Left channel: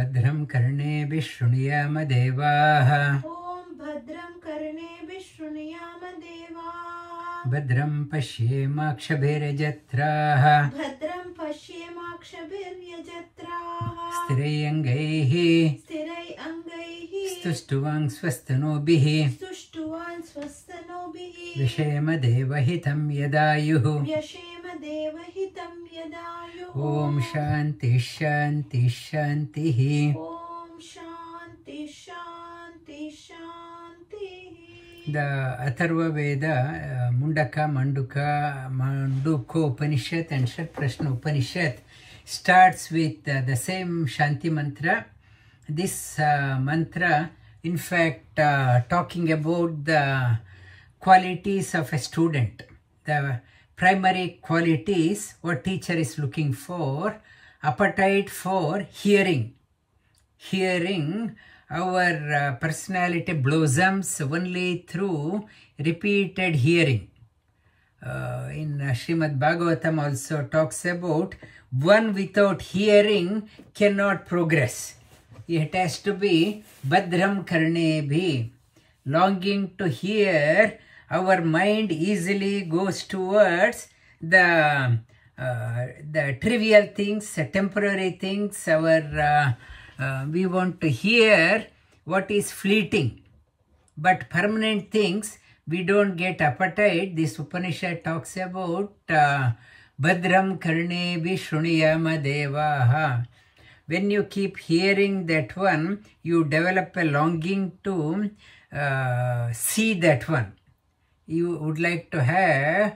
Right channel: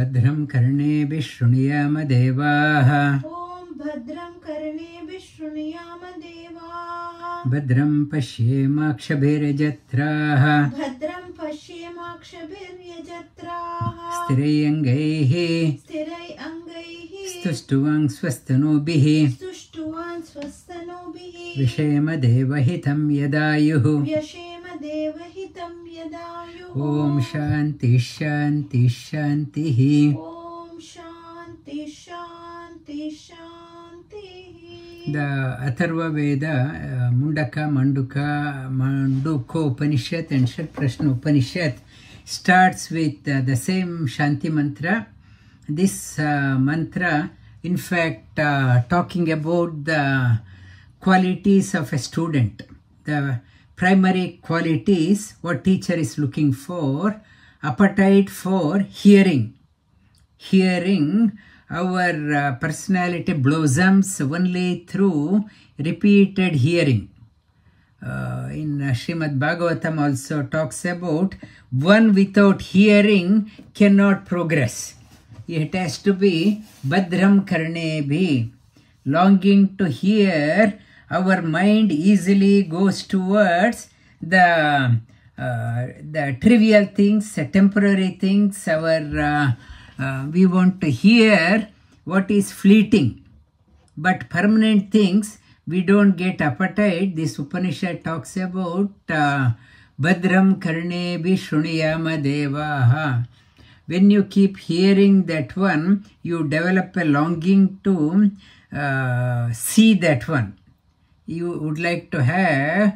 भद्रं कर्णेभिः शृणुयाम देवाः ॐ भद्रं कर्णेभिः शृणुयाम देवाः भद्रं पश्येमाक्षभिर्यजत्राः भद्रं पश्येमाक्षभिर्यजत्राः स्थिरैरङ्गैः स्थिरैरङ्गैः स्तुष्ट्वां स्वस्तनूभिः स्तुष्ट्वान् स्वस्तनूभिः विषेम देवहितं यदायुः व्यशेम देवहितं यदायुः ॐ शान्ति शान्ति शान्तिः ॐ शान्ति शान्ति शान्तिः. The Atharva Veda, Mundaka, Manduka, Manduko Upanishad and Shat Prashna Upanishad starts with the same Shanti mantra. This mantra, in fact, talking about the qualities of a student, the primary qualities what teacher is looking for: appetite for hearing. Hearing, our personality blossoms only through repeated hearing. In Srimad Bhagavatam also talks about one without hearing cannot progress. It has to be Badram Karnebhi. Longing to hear, our mind easily goes towards the trivial things, temporary things. We want to hear what is fleeting, but permanent things we don't get appetite. This Upanishad talks about Badram Karnebi Shruniyama Devaha. When you keep hearing that one, you develop a longing to see that one. You would like to have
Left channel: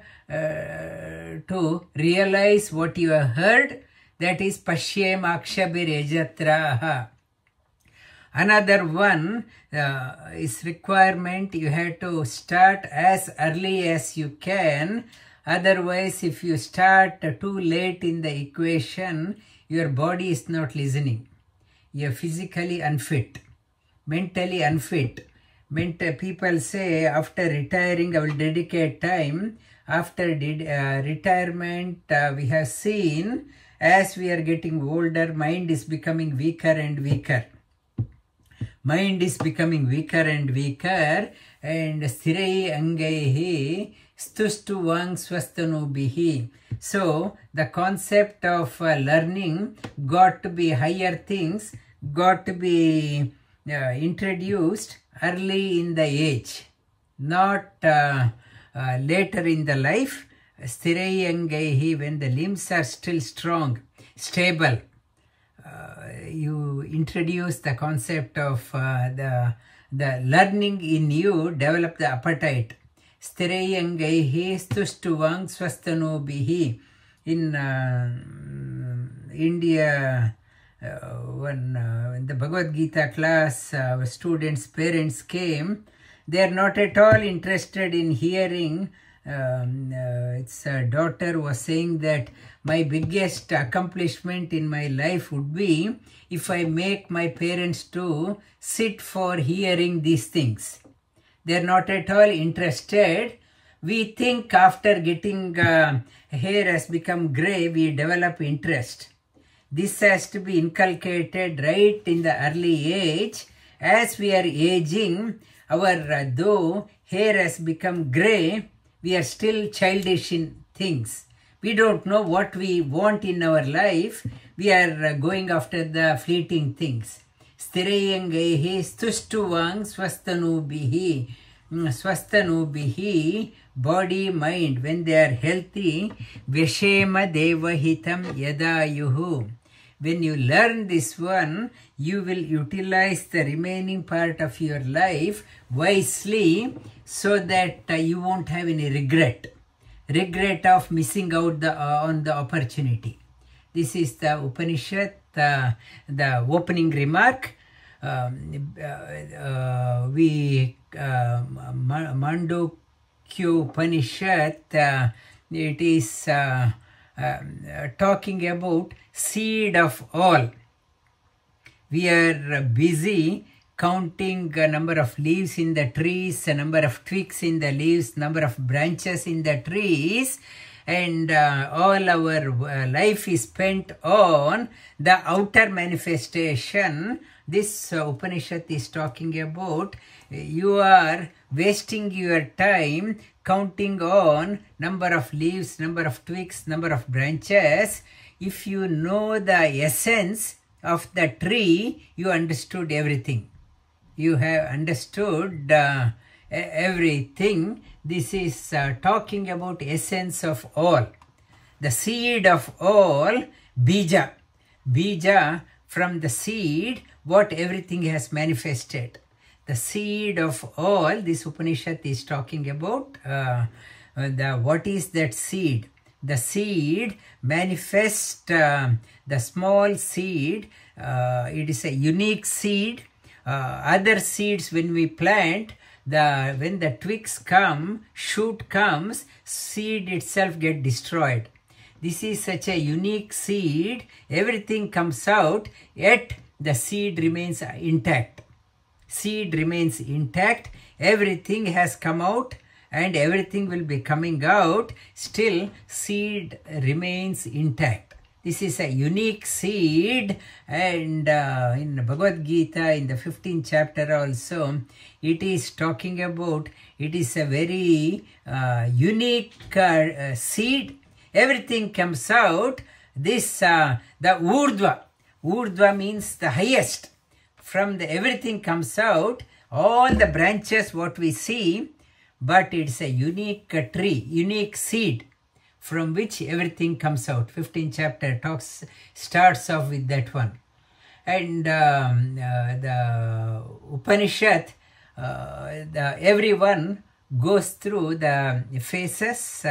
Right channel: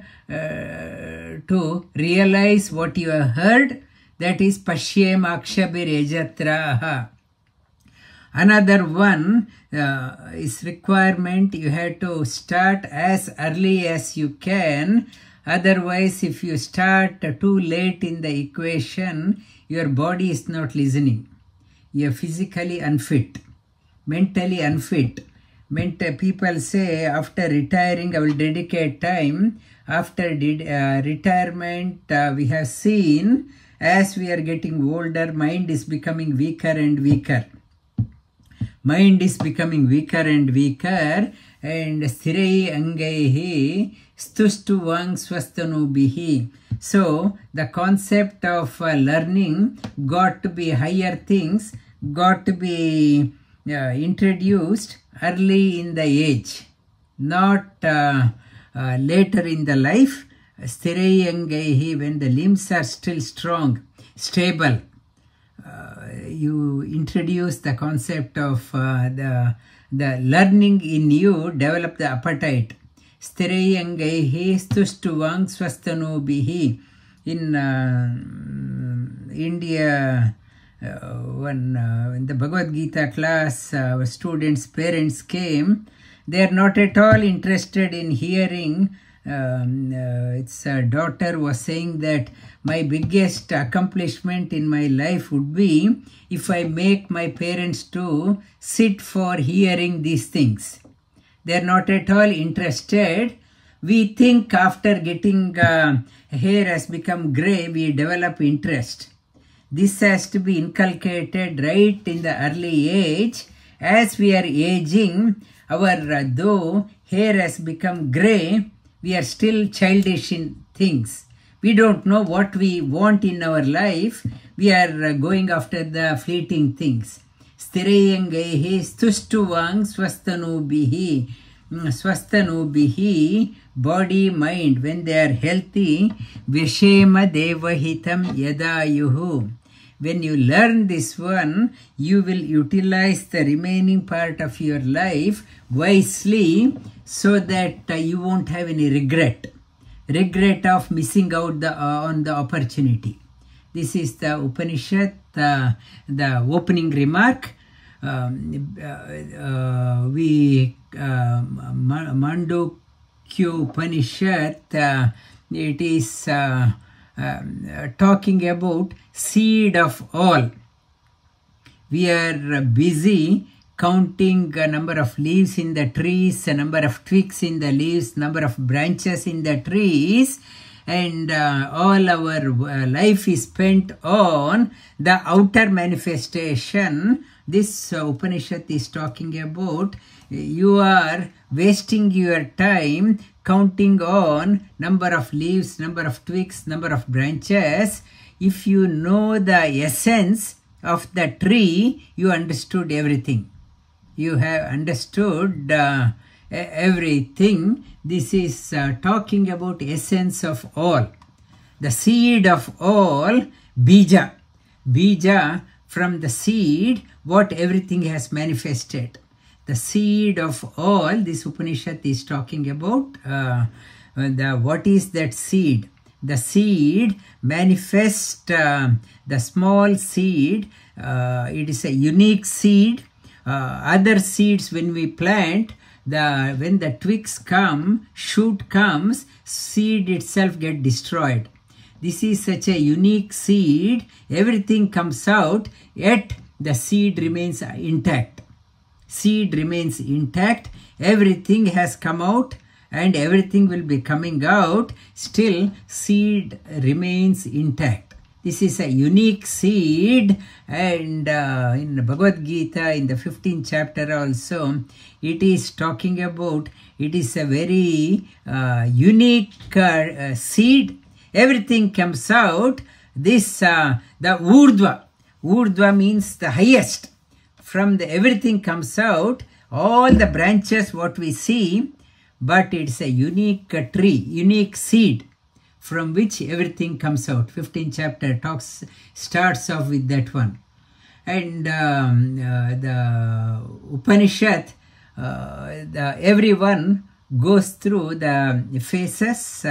to realize what you have heard. That is Pashyem Akshabir Ejatraha. Another one is requirement. You have to start as early as you can. Otherwise, if you start too late in the equation, your body is not listening. You are physically unfit, mentally unfit. People say, after retiring, I will dedicate time. After retirement, we have seen, as we are getting older, mind is becoming weaker and weaker. Mind is becoming weaker and weaker. And Sthirei Angaihi Stustu Vang Swastanubihi. So, the concept of learning got to be higher things, got to be introduced early in the age, not later in the life. Sthirayangaihi, when the limbs are still strong, stable, you introduce the concept of the learning in you, develop the appetite. Sthirayangaihi stustuvang swastanubihi. In India, when the Bhagavad Gita class, our students' parents came, they are not at all interested in hearing. Its daughter was saying that my biggest accomplishment in my life would be if I make my parents to sit for hearing these things. They are not at all interested. We think after getting hair has become grey, we develop interest. This has to be inculcated right in the early age. As we are aging, our though hair has become grey, we are still childish in things. We don't know what we want in our life. We are going after the fleeting things. Sthirayangaihi stustuvang swastanubihi. Swastanubihi, body, mind, when they are healthy, vyashema devahitam yadayuhu. When you learn this one, you will utilize the remaining part of your life wisely, so that you won't have any regret of missing out on the opportunity. This is the Upanishad, the opening remark. Mandukya Upanishad, it is talking about seed of all. We are busy counting a number of leaves in the trees, a number of twigs in the leaves, number of branches in the trees, and all our life is spent on the outer manifestation. This Upanishad is talking about you are wasting your time counting on number of leaves, number of twigs, number of branches. If you know the essence of the tree, you understood everything. You have understood everything. This is talking about essence of all. The seed of all, bija. Bija, from the seed, what everything has manifested. The seed of all, this Upanishad is talking about. What is that seed? The seed manifests, the small seed, it is a unique seed. Other seeds, when we plant, when the twigs come, shoot comes, seed itself get destroyed. This is such a unique seed. Everything comes out, yet the seed remains intact. Seed remains intact. Everything has come out and everything will be coming out. Still, seed remains intact. This is a unique seed, and in Bhagavad Gita, in the 15th chapter also, it is talking about, it is a very unique seed. Everything comes out. This, the Urdhva. Urdhva means the highest. From the everything comes out, all the branches what we see, but it's a unique tree, unique seed from which everything comes out. 15th chapter starts off with that one. And the Upanishad, everyone goes through the phases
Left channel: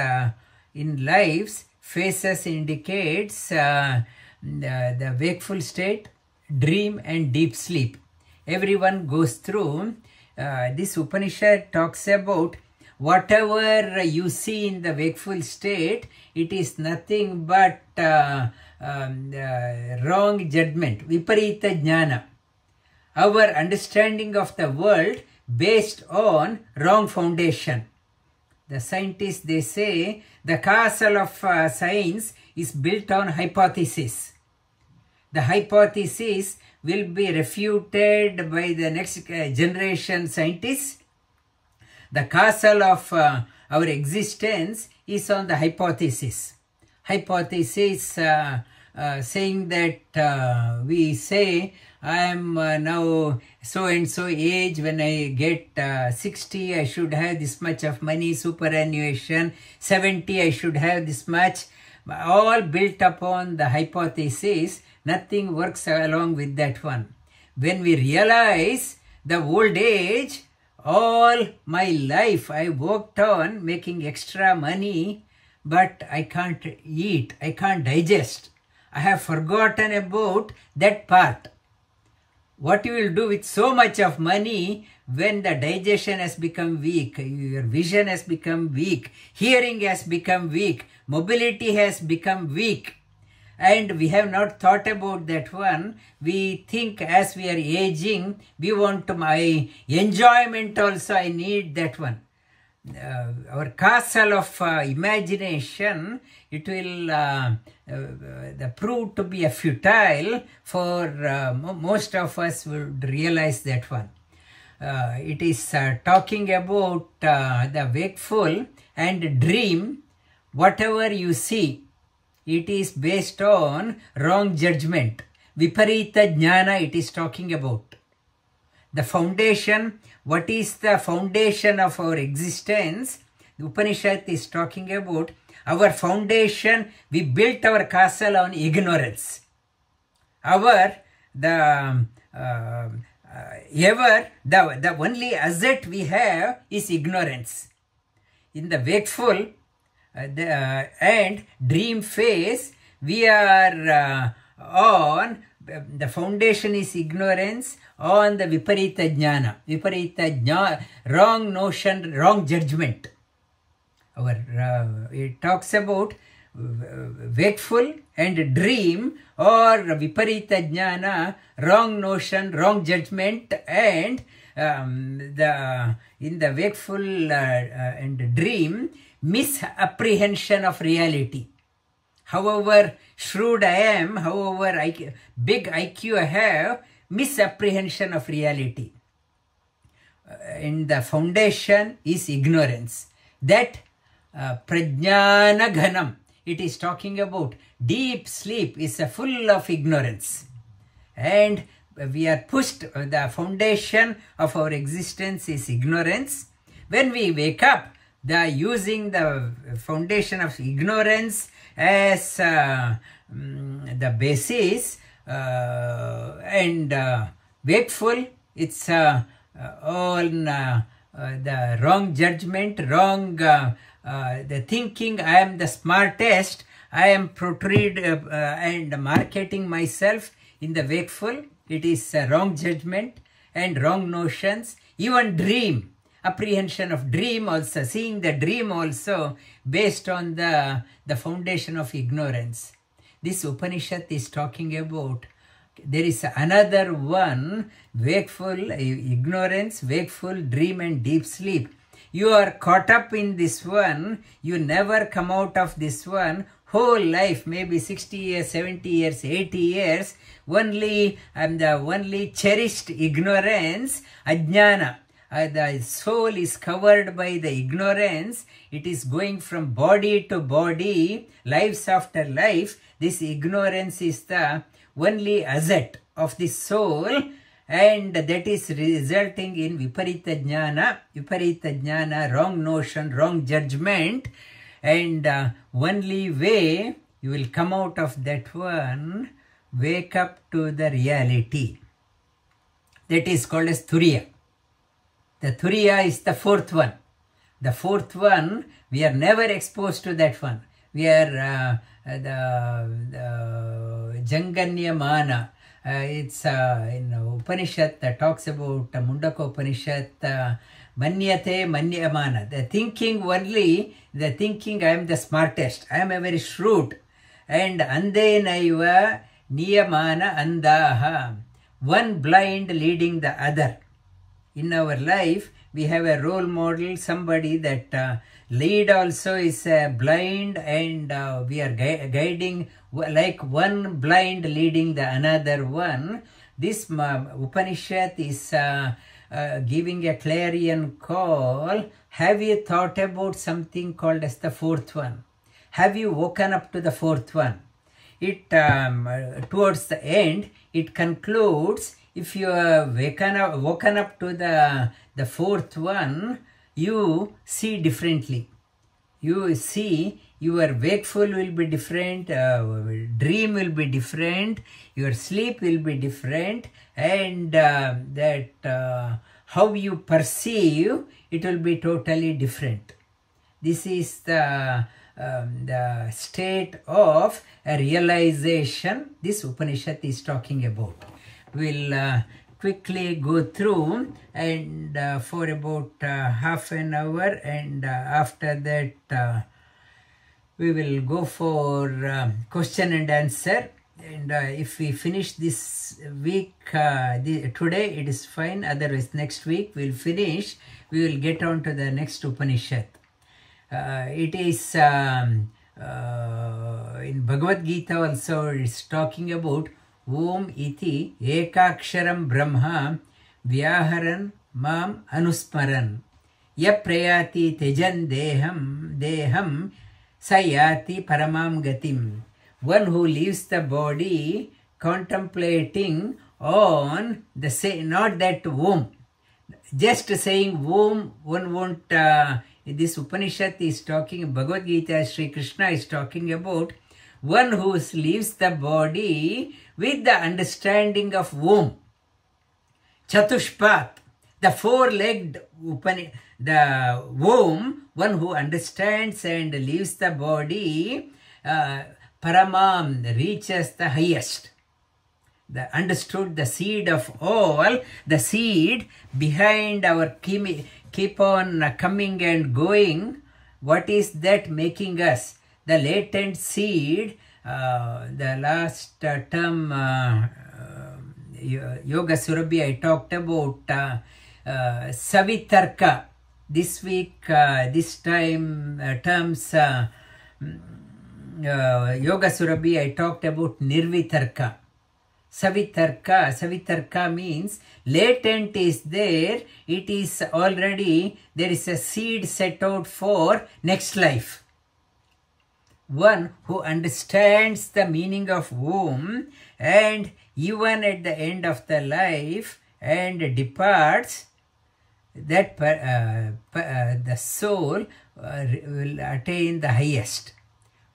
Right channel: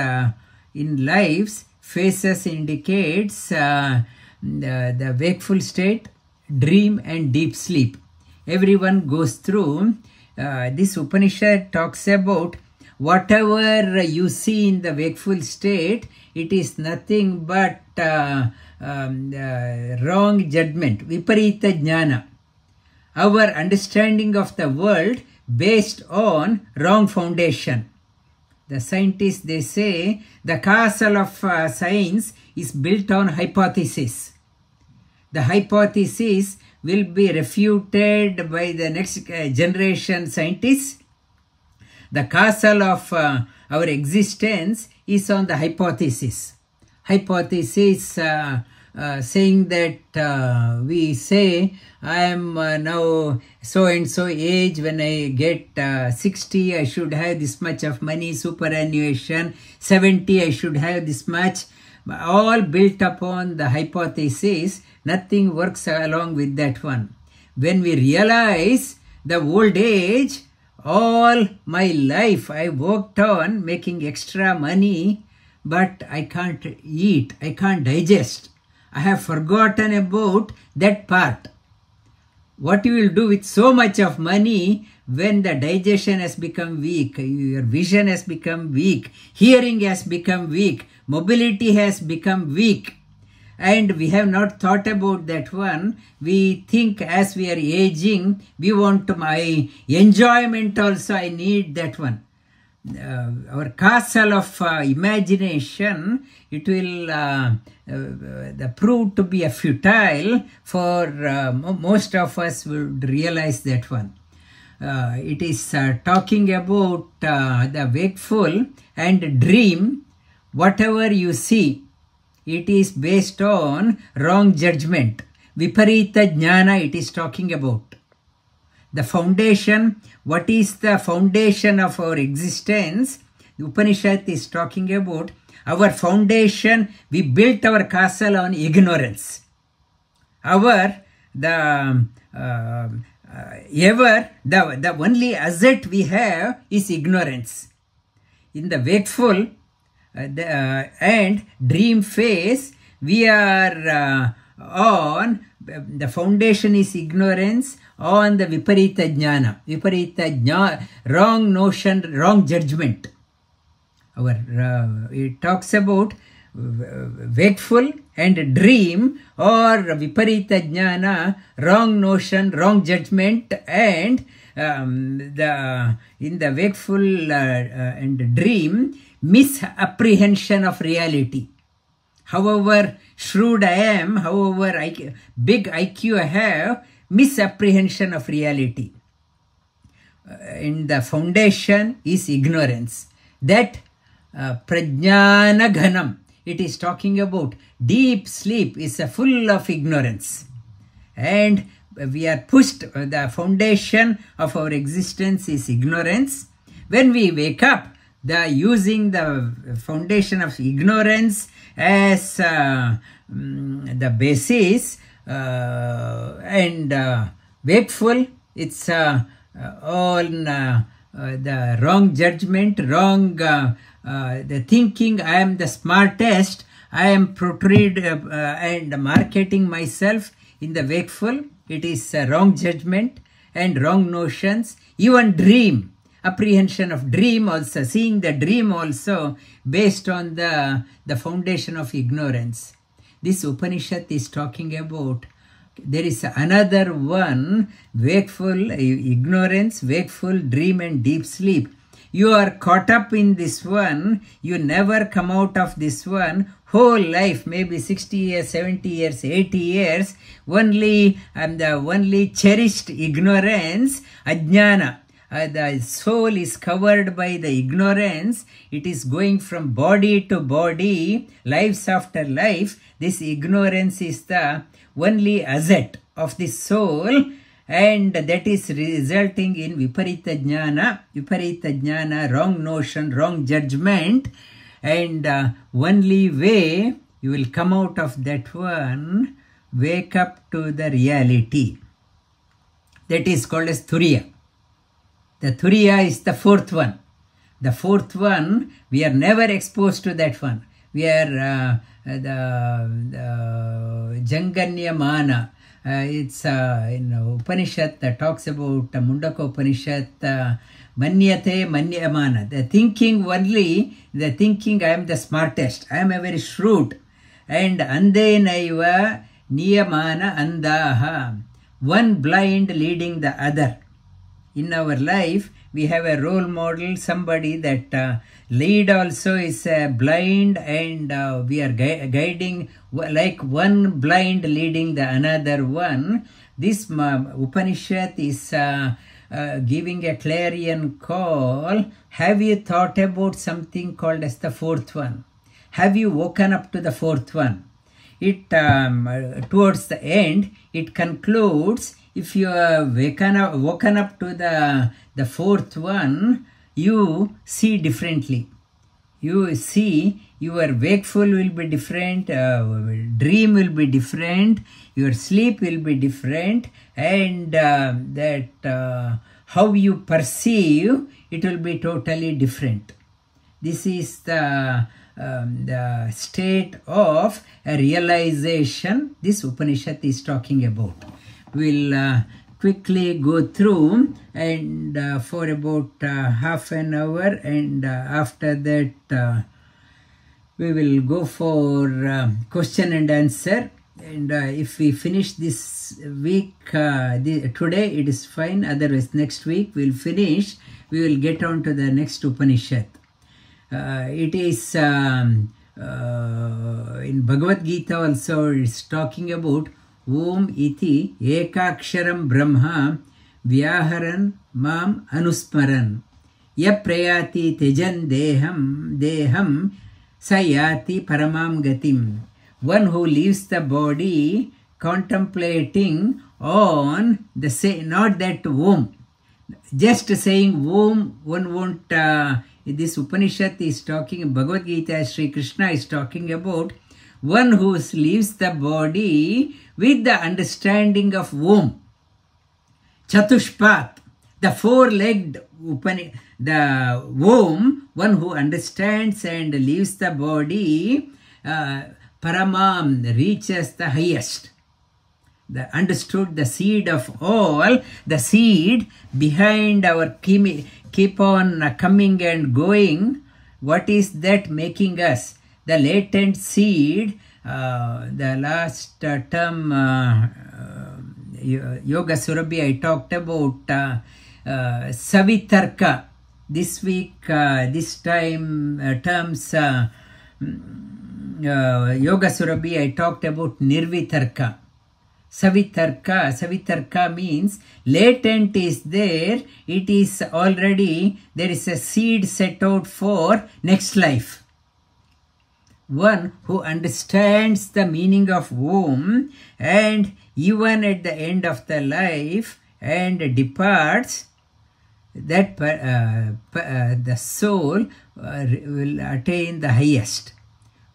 in lives. Phases indicates the wakeful state, dream and deep sleep. Everyone goes through. This Upanishad talks about whatever you see in the wakeful state, it is nothing but wrong judgment, viparita jnana. Our understanding of the world based on wrong foundation. The scientists, they say the castle of science is built on hypothesis. The hypothesis will be refuted by the next generation scientists. The castle of our existence is on the hypothesis. Hypothesis saying that we say, I am now so and so age, when I get 60, I should have this much of money, superannuation, 70, I should have this much, all built upon the hypothesis. Nothing works along with that one. When we realize the old age, all my life I worked on making extra money, but I can't eat, I can't digest. I have forgotten about that part. What you will do with so much of money when the digestion has become weak, your vision has become weak, hearing has become weak, mobility has become weak, and we have not thought about that one. We think as we are aging, we want to my enjoyment also, I need that one. Our castle of imagination, it will prove to be a futile for most of us would realize that one. It is talking about the wakeful and dream. Whatever you see, it is based on wrong judgment. Viparita jnana it is talking about. The foundation, what is the foundation of our existence? The Upanishad is talking about our foundation. We built our castle on ignorance. The only asset we have is ignorance. In the wakeful and dream phase, we are on, the foundation is ignorance, on the viparita jnana. Viparita jnana, wrong notion, wrong judgment. It talks about wakeful and dream, or viparita jnana, wrong notion, wrong judgment, and in the wakeful and dream, misapprehension of reality. However shrewd I am, however big IQ I have, misapprehension of reality. And the foundation is ignorance. That prajnana ghanam, it is talking about deep sleep is full of ignorance. And we are pushed, the foundation of our existence is ignorance. When we wake up, using the foundation of ignorance as the basis and wakeful, it's all the wrong judgment, wrong the thinking I am the smartest, I am portrayed and marketing myself in the wakeful. It is wrong judgment and wrong notions. Even dream, apprehension of dream also, seeing the dream also based on the foundation of ignorance. This Upanishad is talking about, there is another one, wakeful, ignorance, wakeful, dream and deep sleep. You are caught up in this one, you never come out of this one, whole life, maybe 60 years, 70 years, 80 years, only cherished ignorance, ajnana. The soul is covered by the ignorance. It is going from body to body, lives after life. This ignorance is the only asset of the soul, and that is resulting in viparita jnana, wrong notion, wrong judgment. And only way you will come out of that one, wake up to the reality. That is called as Turiya. The Turiya is the fourth one. The fourth one, we are never exposed to that one. We are the Janganyamana. It's in Upanishad that talks about Mundaka Upanishad, Manyate Manyamana. The thinking only, the thinking I am the smartest, I am a very shrewd. And Ande Naiva Niyamana Andaha. One blind leading the other. In our life, we have a role model, somebody that lead also is blind, and we are guiding like one blind leading the another one. This Upanishad is giving a clarion call. Have you thought about something called as the fourth one? Have you woken up to the fourth one? It towards the end, it concludes, if you are woken up to the fourth one, you see differently. You see, your wakeful will be different, dream will be different, your sleep will be different, and how you perceive, it will be totally different. This is the state of a realization this Upanishad is talking about. We'll quickly go through and for about half an hour, and after that we will go for question and answer. And if we finish this week, today it is fine, otherwise next week we'll finish, we will get on to the next Upanishad. It is in Bhagavad Gita also, it's talking about Om iti ekaksharam brahma vyaharan mam anusmaran ya prayati tejan deham sayati paramam gatim. One who leaves the body contemplating on the not that Om. Just saying Om, one won't, this Upanishad is talking, Bhagavad Gita, Sri Krishna is talking about one who leaves the body with the understanding of Om. Chatushpat, the four-legged the Om, one who understands and leaves the body, Paramam, reaches the highest. Understood the seed of all, the seed behind our keep on coming and going. What is that making us? The latent seed, the last term, Yoga Surabhi, I talked about Savitarka. This week, this time, terms Yoga Surabhi, I talked about Nirvitarka. Savitarka means latent is there. It is already, there is a seed set out for next life. One who understands the meaning of Om and even at the end of the life and departs, that the soul will attain the highest.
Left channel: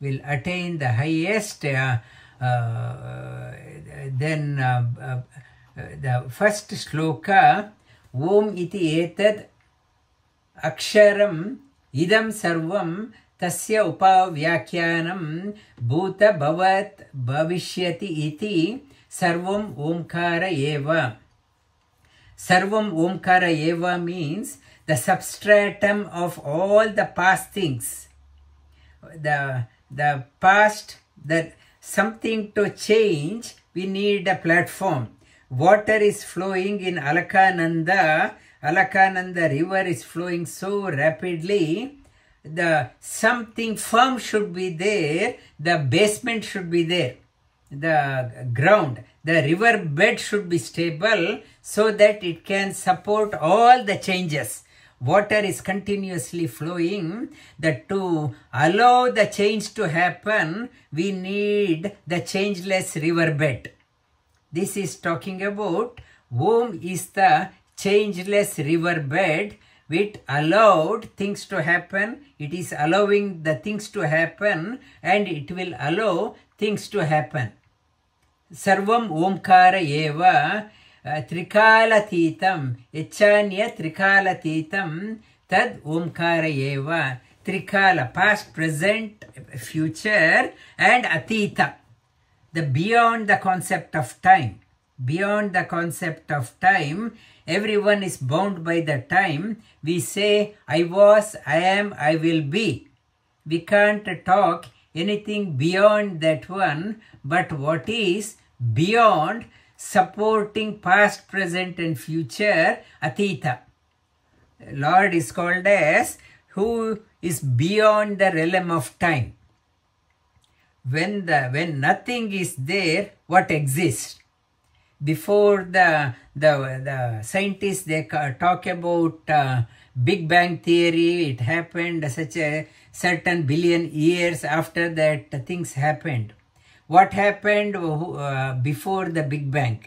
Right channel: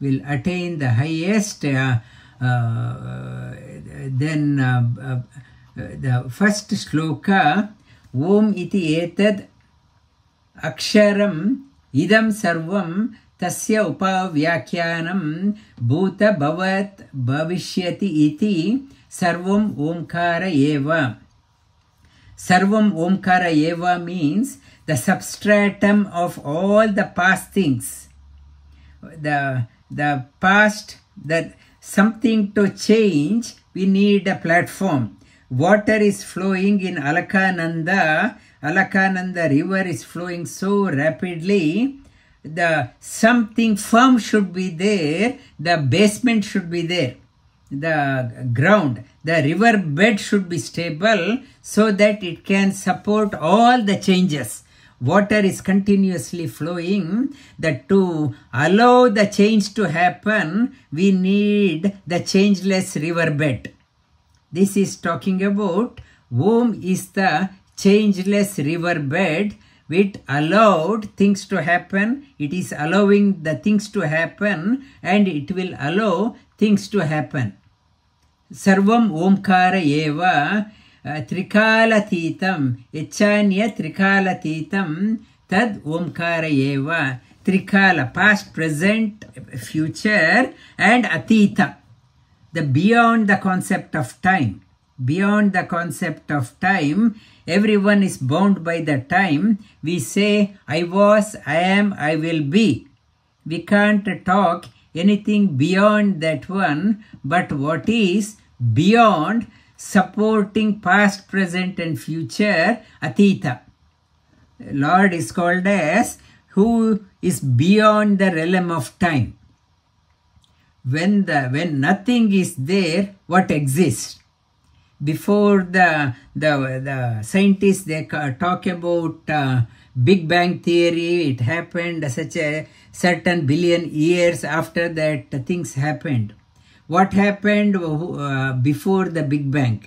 Then the first shloka, Om iti etad aksharam idam sarvam tasya upavyakyanam bhuta bhavat bhavishyati iti sarvam omkara eva. Sarvam omkara eva means the substratum of all the past things. The past, that something to change, we need a platform. Water is flowing in Alakananda. Alakananda river is flowing so rapidly. The something firm should be there. The basement should be there. The ground, the river bed should be stable so that it can support all the changes. Water is continuously flowing. That to allow the change to happen, we need the changeless river bed. This is talking about Om is the changeless river bed which allowed things to happen. It is allowing the things to happen and it will allow things to happen. Sarvam Omkara eva Trikalatītam Echanya Trikalatītam Tad Omkara eva. Trikala, past, present, future, and Atita, the beyond the concept of time. Beyond the concept of time, everyone is bound by the time. We say, I was, I am, I will be. We can't talk anything beyond that one, but what is beyond, supporting past, present and future, Atita. Lord is called as who is beyond the realm of time. When nothing is there, what exists? Before the scientists, they talk about Big Bang theory. It happened such a certain billion years after that things happened. What happened before the Big Bang?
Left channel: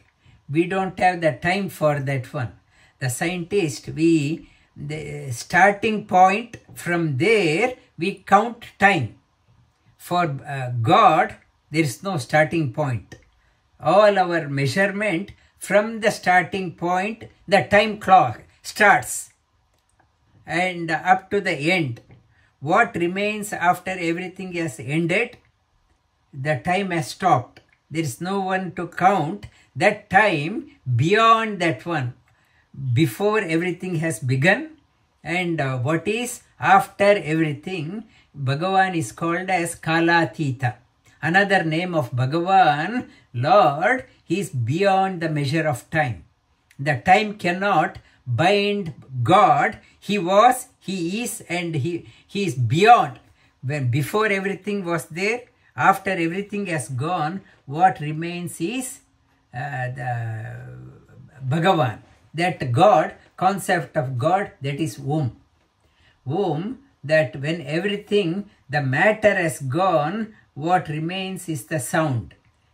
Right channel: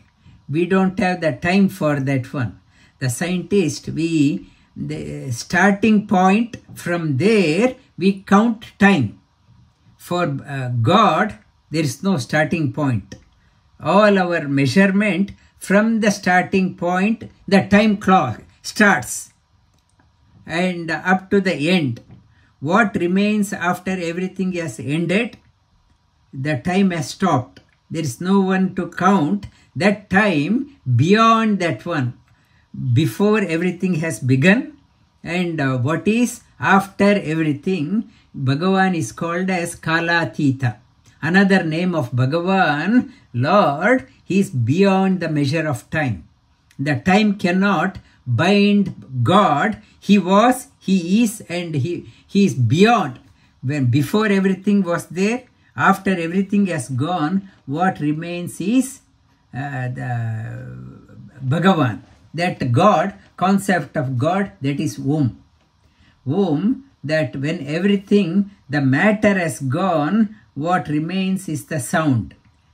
We don't have the time for that one. The scientist, the starting point, from there we count time. For God, there is no starting point. All our measurement from the starting point, the time clock starts and up to the end. What remains after everything has ended? The time has stopped. There is no one to count that time beyond that one. Before everything has begun, and what is after everything, Bhagavan is called as Kalatita. Another name of Bhagavan, Lord, he is beyond the measure of time. The time cannot bind God. He was, he is, and he is beyond. When before everything was there, after everything has gone, what remains is the Bhagavan. That God, concept of God, that is Om. Om, that when everything, the matter has gone, what remains is the sound.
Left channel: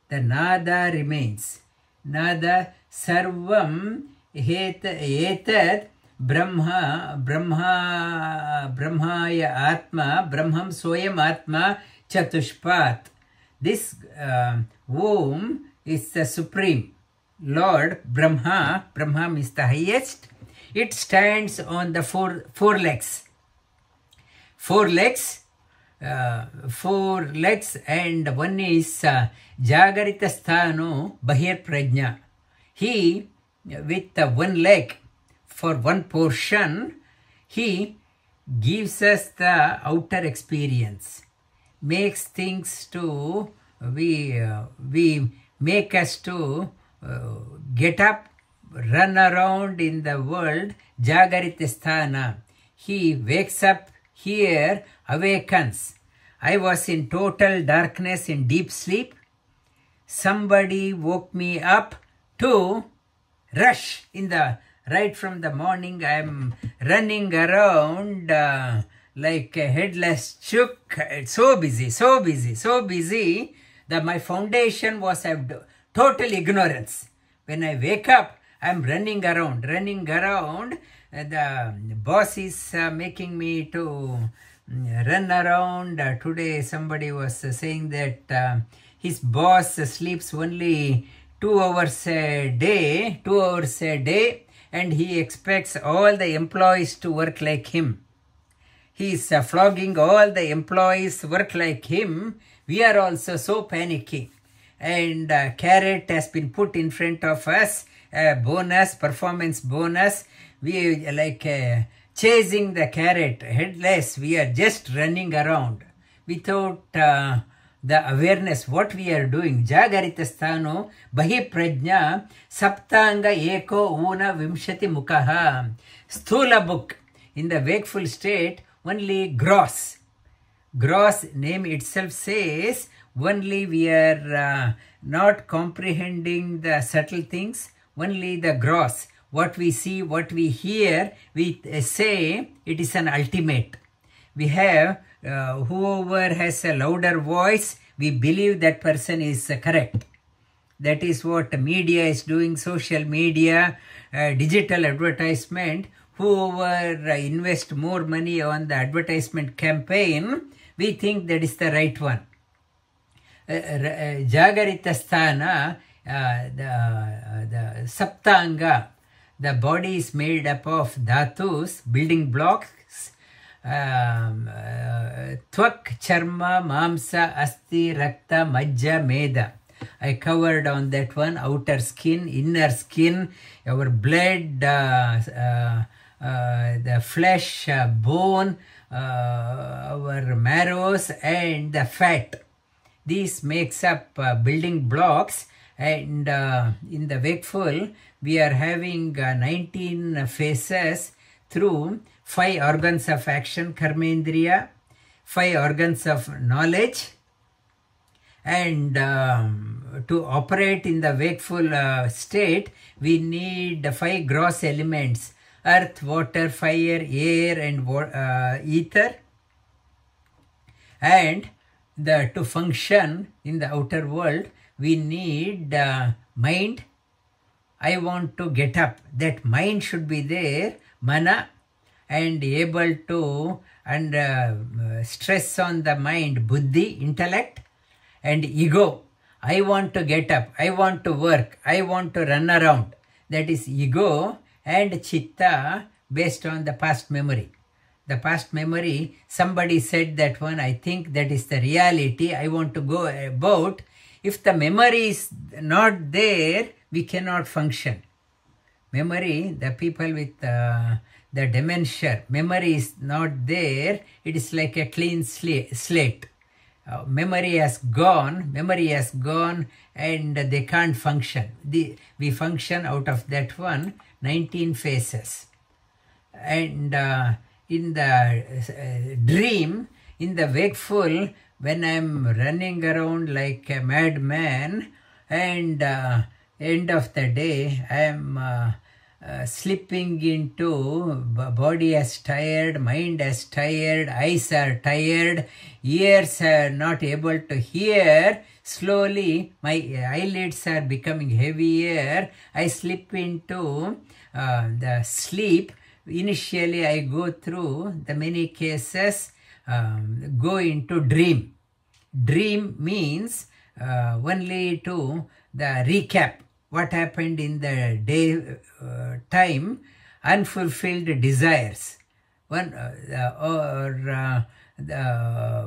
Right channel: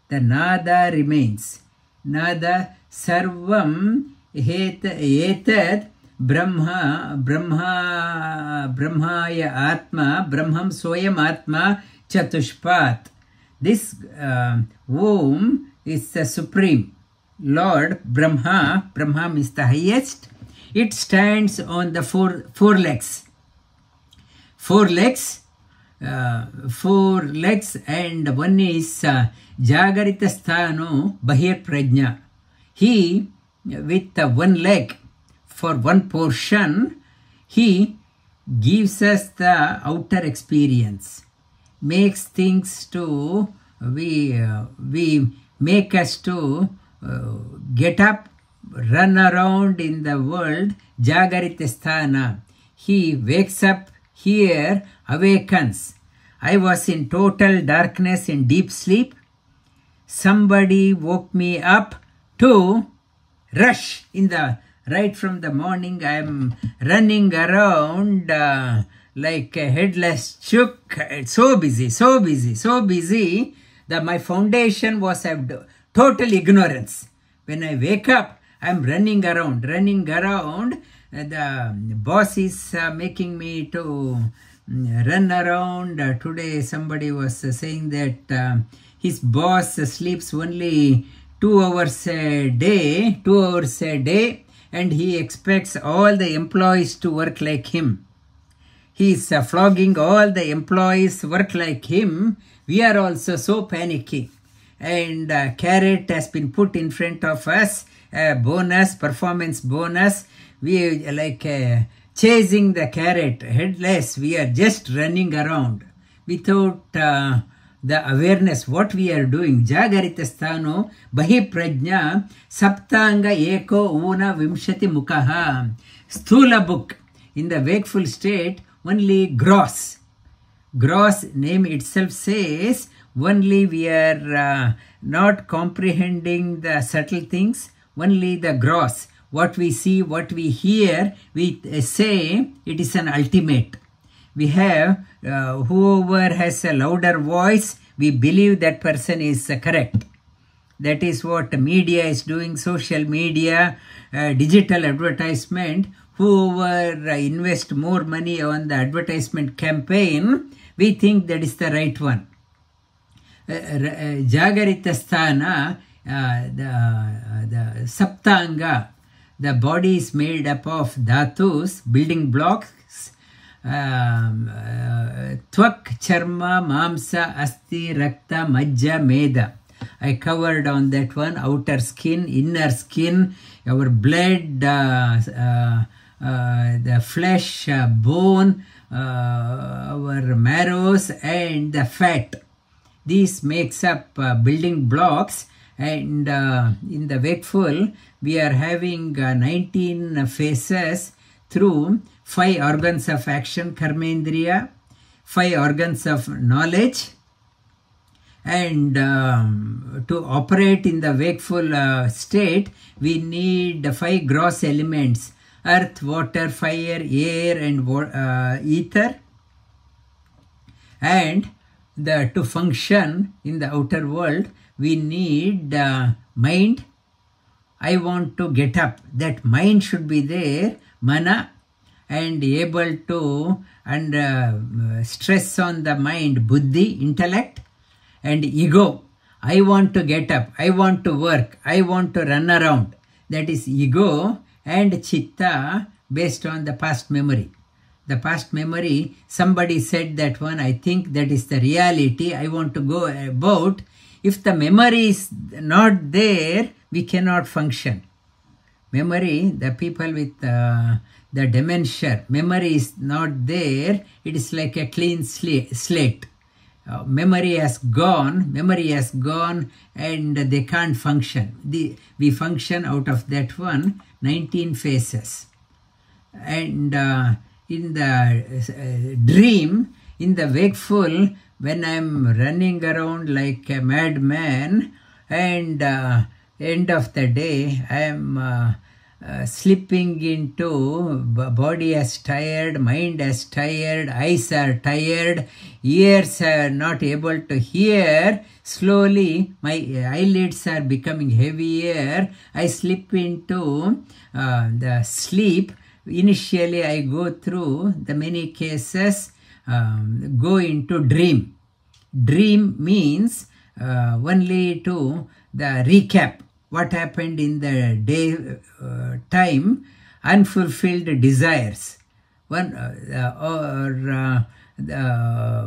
The nada remains. Nada sarvam etad brahmaya atma brahmam soyam atma chatushpat. This Om is the supreme. Lord Brahma is the highest. It stands on the four legs. Four legs, and one is Jagarita Sthano Bahir Prajna. He, with one leg for one portion, he gives us the outer experience, makes things to, we make us to get up, run around in the world, Jagarita Sthana. He wakes up here, awakens. I was in total darkness, in deep sleep. Somebody woke me up to rush in the right from the morning. I am running around like a headless chook. So busy that my foundation was total ignorance. When I wake up, I am running around. The boss is making me to run around. Today somebody was saying that his boss sleeps only 2 hours a day, and he expects all the employees to work like him. He is flogging all the employees work like him. We are also so panicky. And carrot has been put in front of us, bonus, performance bonus. We like chasing the carrot, headless. We are just running around without the awareness what we are doing. Jagarita sthano bahi prajna saptanga eko una vimshati mukaha. Sthula book. In the wakeful state, only gross. Gross name itself says only we are not comprehending the subtle things, only the gross. What we see, what we hear, we say it is an ultimate. We have whoever has a louder voice, we believe that person is correct. That is what media is doing, social media, digital advertisement. Whoever invest more money on the advertisement campaign, we think that is the right one. Jagarita sthana, the saptanga, the body is made up of dhatus, building blocks, tvak, charma, mamsa, asti, rakta, majja, meda. I covered on that one, outer skin, inner skin, our blood, the flesh, bone, our marrows, and the fat. These makes up building blocks, and in the wakeful, we are having 19 phases through 5 organs of action, karmendriya, 5 organs of knowledge, and to operate in the wakeful state, we need 5 gross elements: earth, water, fire, air, and ether. And to function in the outer world, we need mind. I want to get up. That mind should be there, mana, and able to stress on the mind, buddhi, intellect, and ego. I want to get up. I want to work. I want to run around. That is ego. And chitta, based on the past memory. The past memory, somebody said that one, I think that is the reality I want to go about. If the memory is not there, we cannot function. Memory, the people with the dementia, memory is not there. It is like a clean slate. Memory has gone, and they can't function. We function out of that one, 19 phases. And in the dream, in the wakeful, when I'm running around like a madman, and end of the day, I am slipping into body as tired, mind as tired, eyes are tired, ears are not able to hear. Slowly, my eyelids are becoming heavier. I slip into the sleep. Initially, I go through the many cases, go into dream. Dream means only to the recap. What happened in the day time, unfulfilled desires.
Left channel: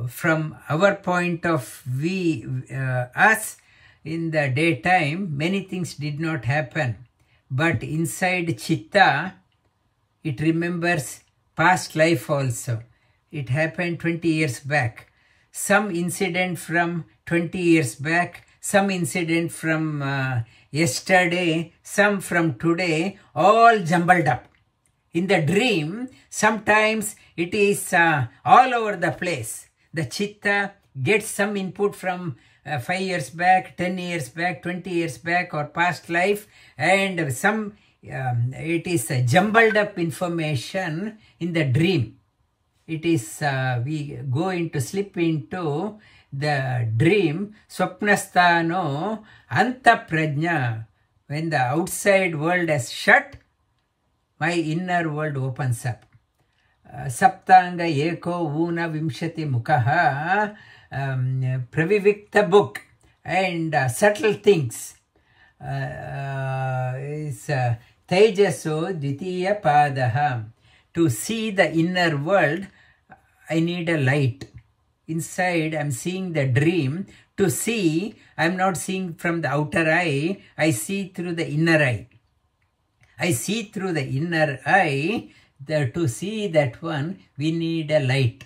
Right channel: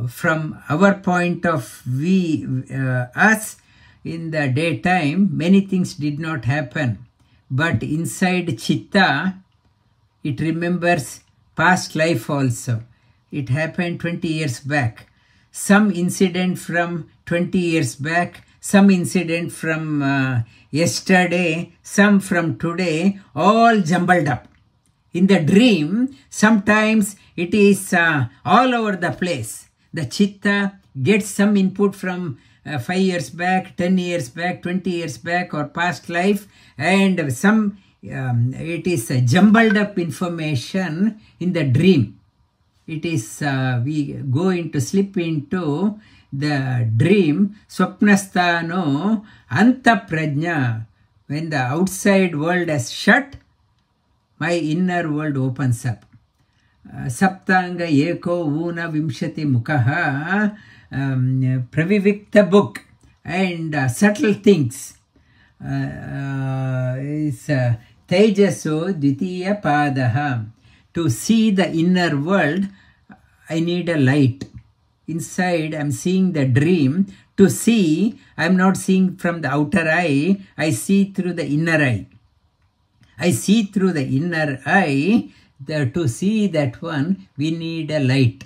From our point of view, us, in the daytime, many things did not happen. But inside chitta, it remembers past life also. It happened 20 years back. Some incident from 20 years back, some incident from yesterday, some from today, all jumbled up. In the dream, sometimes it is all over the place. The chitta gets some input from 5 years back, 10 years back, 20 years back, or past life, and some it is jumbled up information in the dream. It is we slip into the dream. Swapnasthano anta prajna. When the outside world is shut, my inner world opens up. Saptanga eko una vimshati mukaha, pravivikta book, and subtle things. Is tejaso dvitiya padaha. To see the inner world, I need a light. Inside, I'm seeing the dream. To see, I'm not seeing from the outer eye, I see through the inner eye. I see through the inner eye. To see that one, we need a light.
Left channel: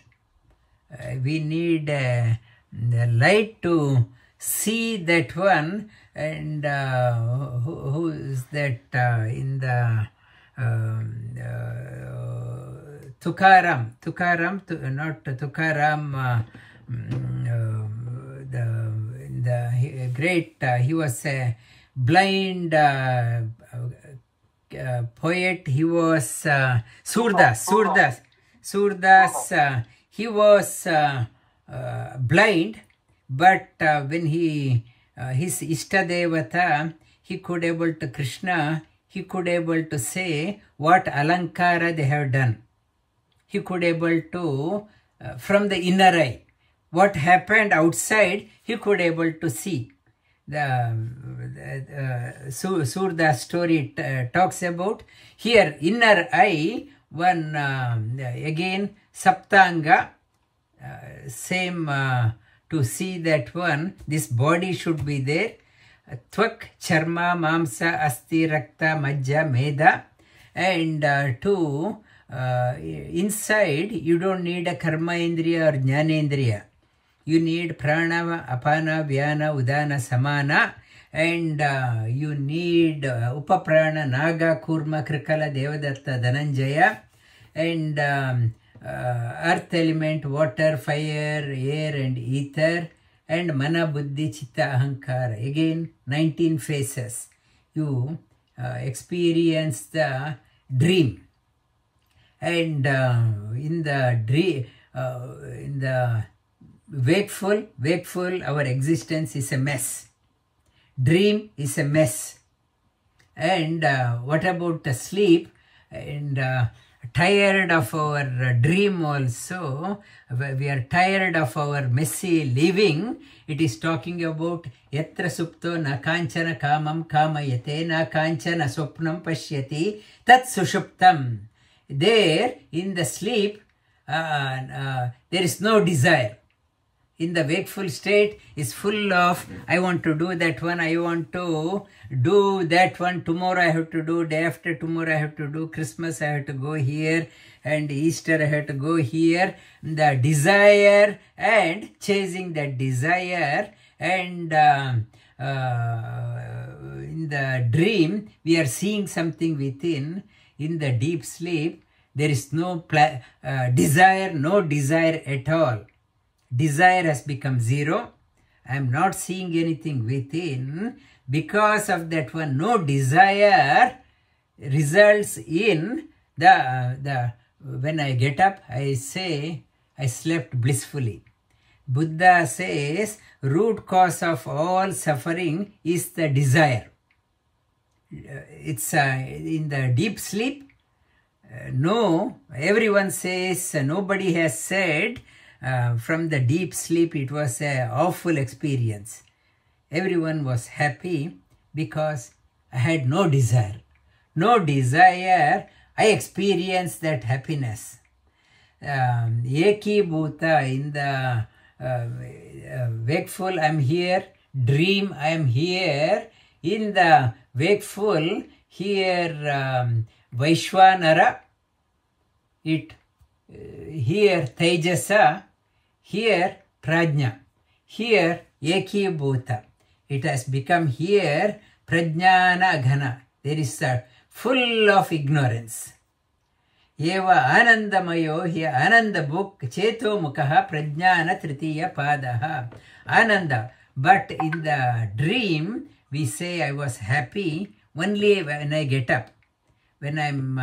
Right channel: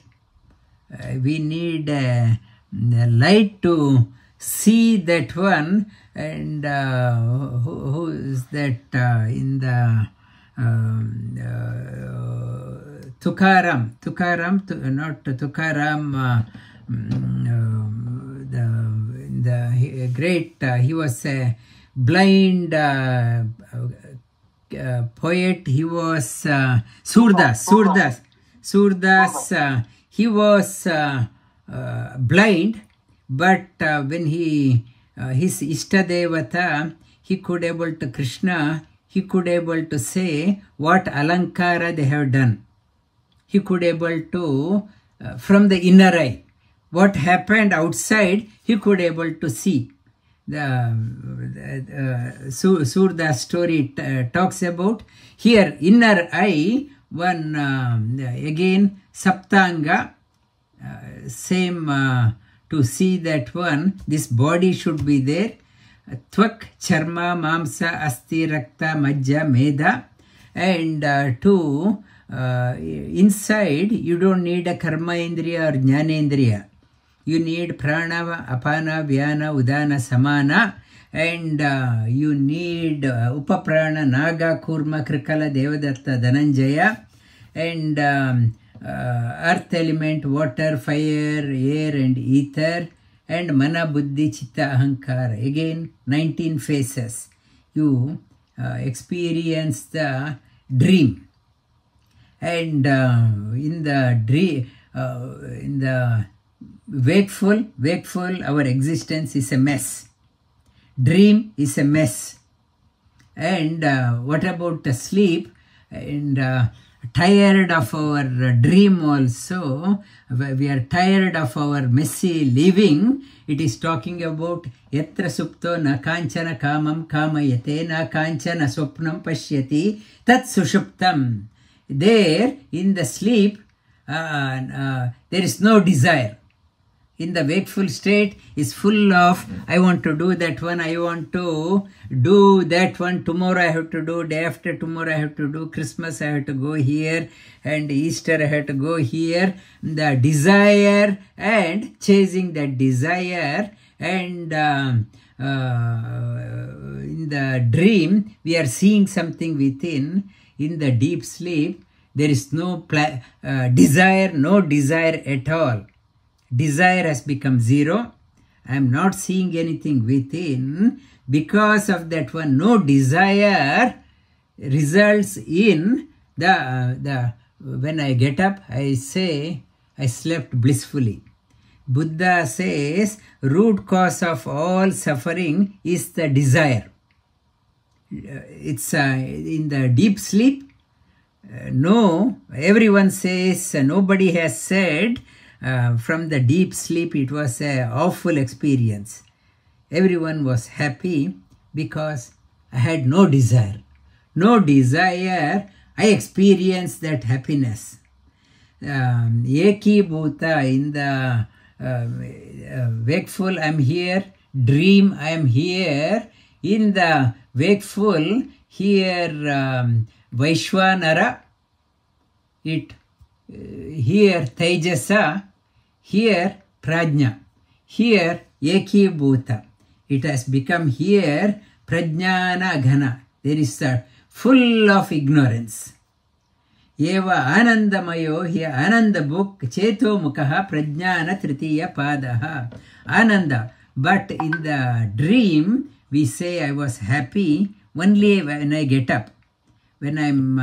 We need a light to see that one. And who is that in the Tukaram, not Tukaram, the great, he was a blind poet. He was Surdas. He was blind, but when his Ishtadevata, he could able to Krishna, he could able to say what alankara they have done. He could able to, from the inner eye, what happened outside, he could able to see. The Surda's story talks about here inner eye, one again Saptanga, same to see that one, this body should be there. Tvak, Charma, Mamsa, Asti, Rakta, Majja, Meda, and to inside you don't need a Karma Indriya or Jnana Indriya. You need Prana, Apana, Vyana, Udana, Samana, and you need Upaprana, Naga, Kurma, Krikala, Devadatta, Dhananjaya, and earth element, water, fire, air, and ether, and Mana, Buddhi, Chitta, Ahankara. Again, 19 phases. You experience the dream. And in the dream, in the wakeful, our existence is a mess. Dream is a mess. And what about the sleep? And tired of our dream also. We are tired of our messy living. It is talking about yatra supto na kanchana kamam kamayate na kanchana swapnam pashyati tat sushuptam. There, in the sleep, there is no desire. In the wakeful state is full of, I want to do that one, I want to do that one, tomorrow I have to do, day after tomorrow I have to do, Christmas I have to go here, and Easter I have to go here. The desire and chasing that desire, and in the dream we are seeing something within. In the deep sleep there is no desire, no desire at all. Desire has become zero. I am not seeing anything within. Because of that one, no desire results in the when I get up, I say, I slept blissfully. Buddha says, root cause of all suffering is the desire. It's in the deep sleep. No, everyone says, nobody has said, from the deep sleep it was an awful experience. Everyone was happy because I had no desire. No desire, I experienced that happiness. Eki Bhuta, in the wakeful I am here, dream I am here. In the wakeful, here Vaishwanara, here Tejasa, here Prajna, here Eki Bhuta. It has become here Prajnana Ghana. There is a full of ignorance. Eva Anandamayo, here Ananda book, Cheto Mukha Prajnana Tritiya Padaha. Ananda. But in the dream, we say I was happy only when I get up. When I'm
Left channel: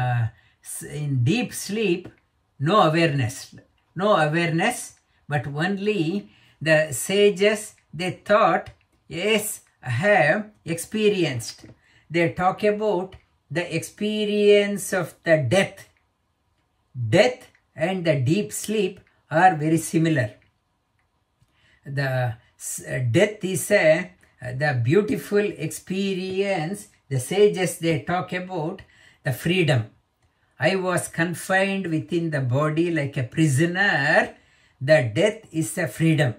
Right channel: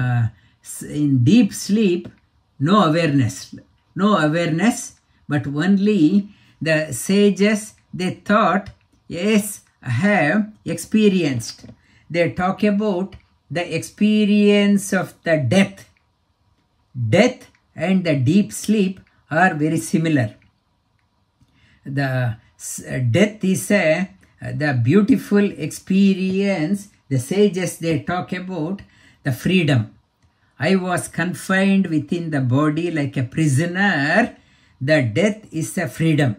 in deep sleep, no awareness. No awareness, but only the sages, they thought, yes, I have experienced. They talk about the experience of the death. Death and the deep sleep are very similar. The death is the beautiful experience. The sages, they talk about the freedom. I was confined within the body like a prisoner. The death is a freedom.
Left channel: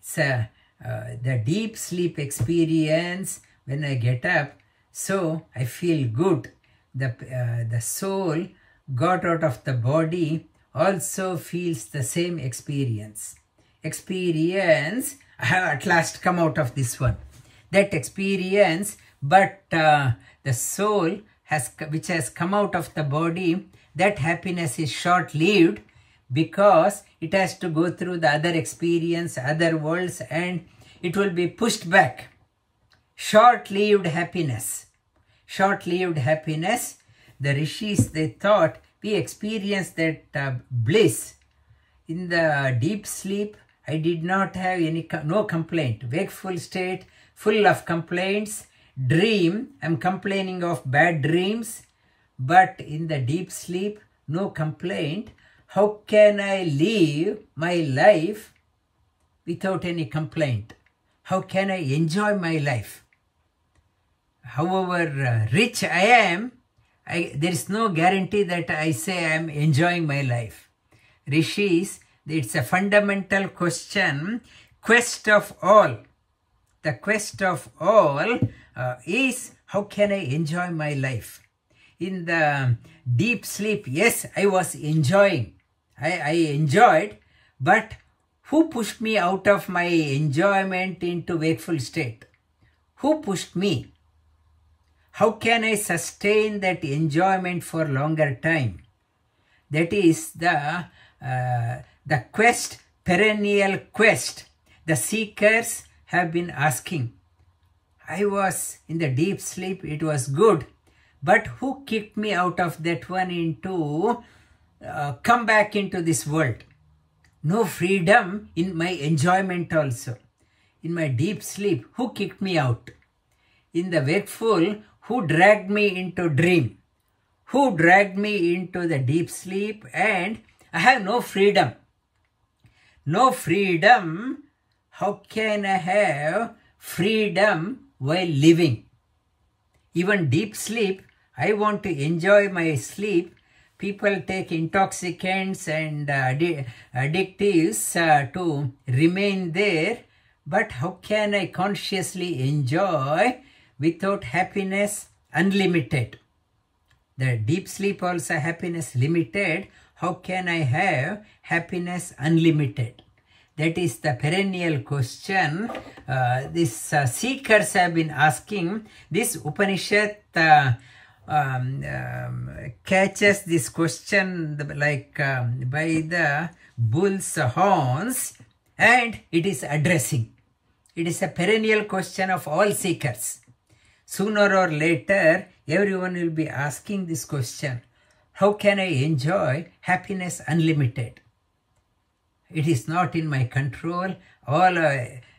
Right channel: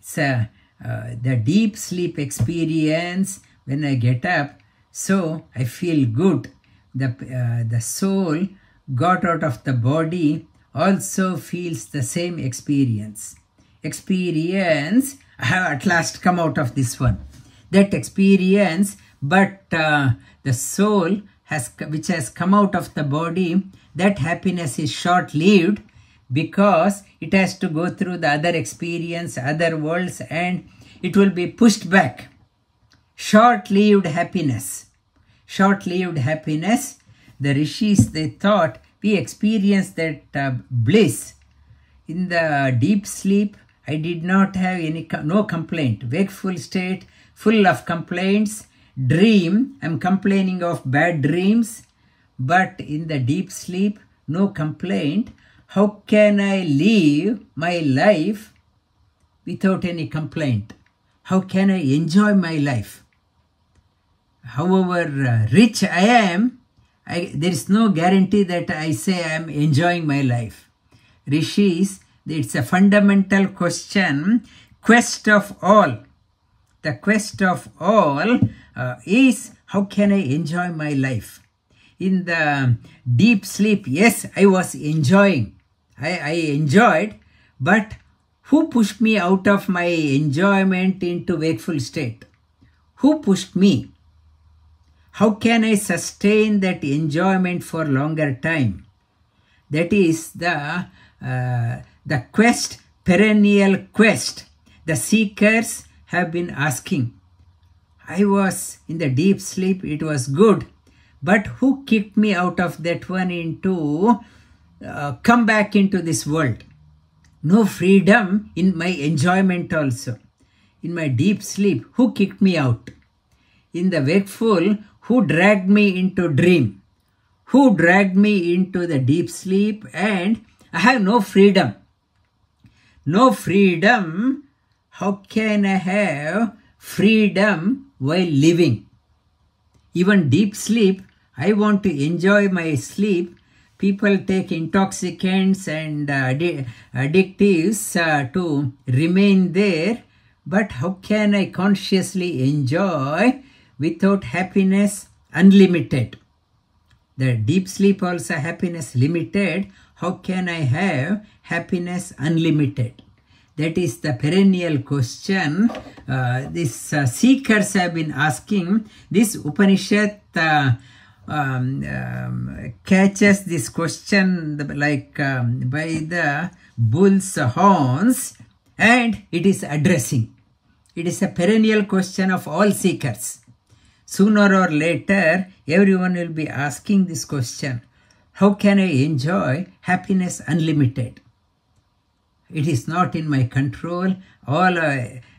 It's the deep sleep experience when I get up. So I feel good. The soul got out of the body also feels the same experience. Experience, I have at last come out of this one. That experience, but the soul which has come out of the body, that happiness is short-lived because it has to go through the other experience, other worlds, and it will be pushed back. Short-lived happiness. Short-lived happiness. The rishis, they thought we experienced that bliss. In the deep sleep, I did not have no complaint. Wakeful state, full of complaints. Dream, I'm complaining of bad dreams. But in the deep sleep, no complaint. How can I live my life without any complaint? How can I enjoy my life? However rich I am, there is no guarantee that I say I am enjoying my life. Rishis, it's a fundamental question. Quest of all. The quest of all is how can I enjoy my life? In the deep sleep, yes, I was enjoying. I enjoyed, but who pushed me out of my enjoyment into wakeful state? Who pushed me? How can I sustain that enjoyment for longer time? That is the quest, perennial quest. The seekers have been asking. I was in the deep sleep, it was good. But who kicked me out of that one into come back into this world? No freedom in my enjoyment also. In my deep sleep, who kicked me out? In the wakeful, who dragged me into dream? Who dragged me into the deep sleep? And I have no freedom. No freedom. How can I have freedom while living? Even deep sleep, I want to enjoy my sleep. People take intoxicants and addictives to remain there. But how can I consciously enjoy without happiness unlimited? The deep sleep also happiness limited. How can I have happiness unlimited? That is the perennial question. These seekers have been asking. This Upanishad catches this question like by the bull's horns, and it is addressing. It is a perennial question of all seekers. Sooner or later, everyone will be asking this question. How can I enjoy happiness unlimited? It is not in my control.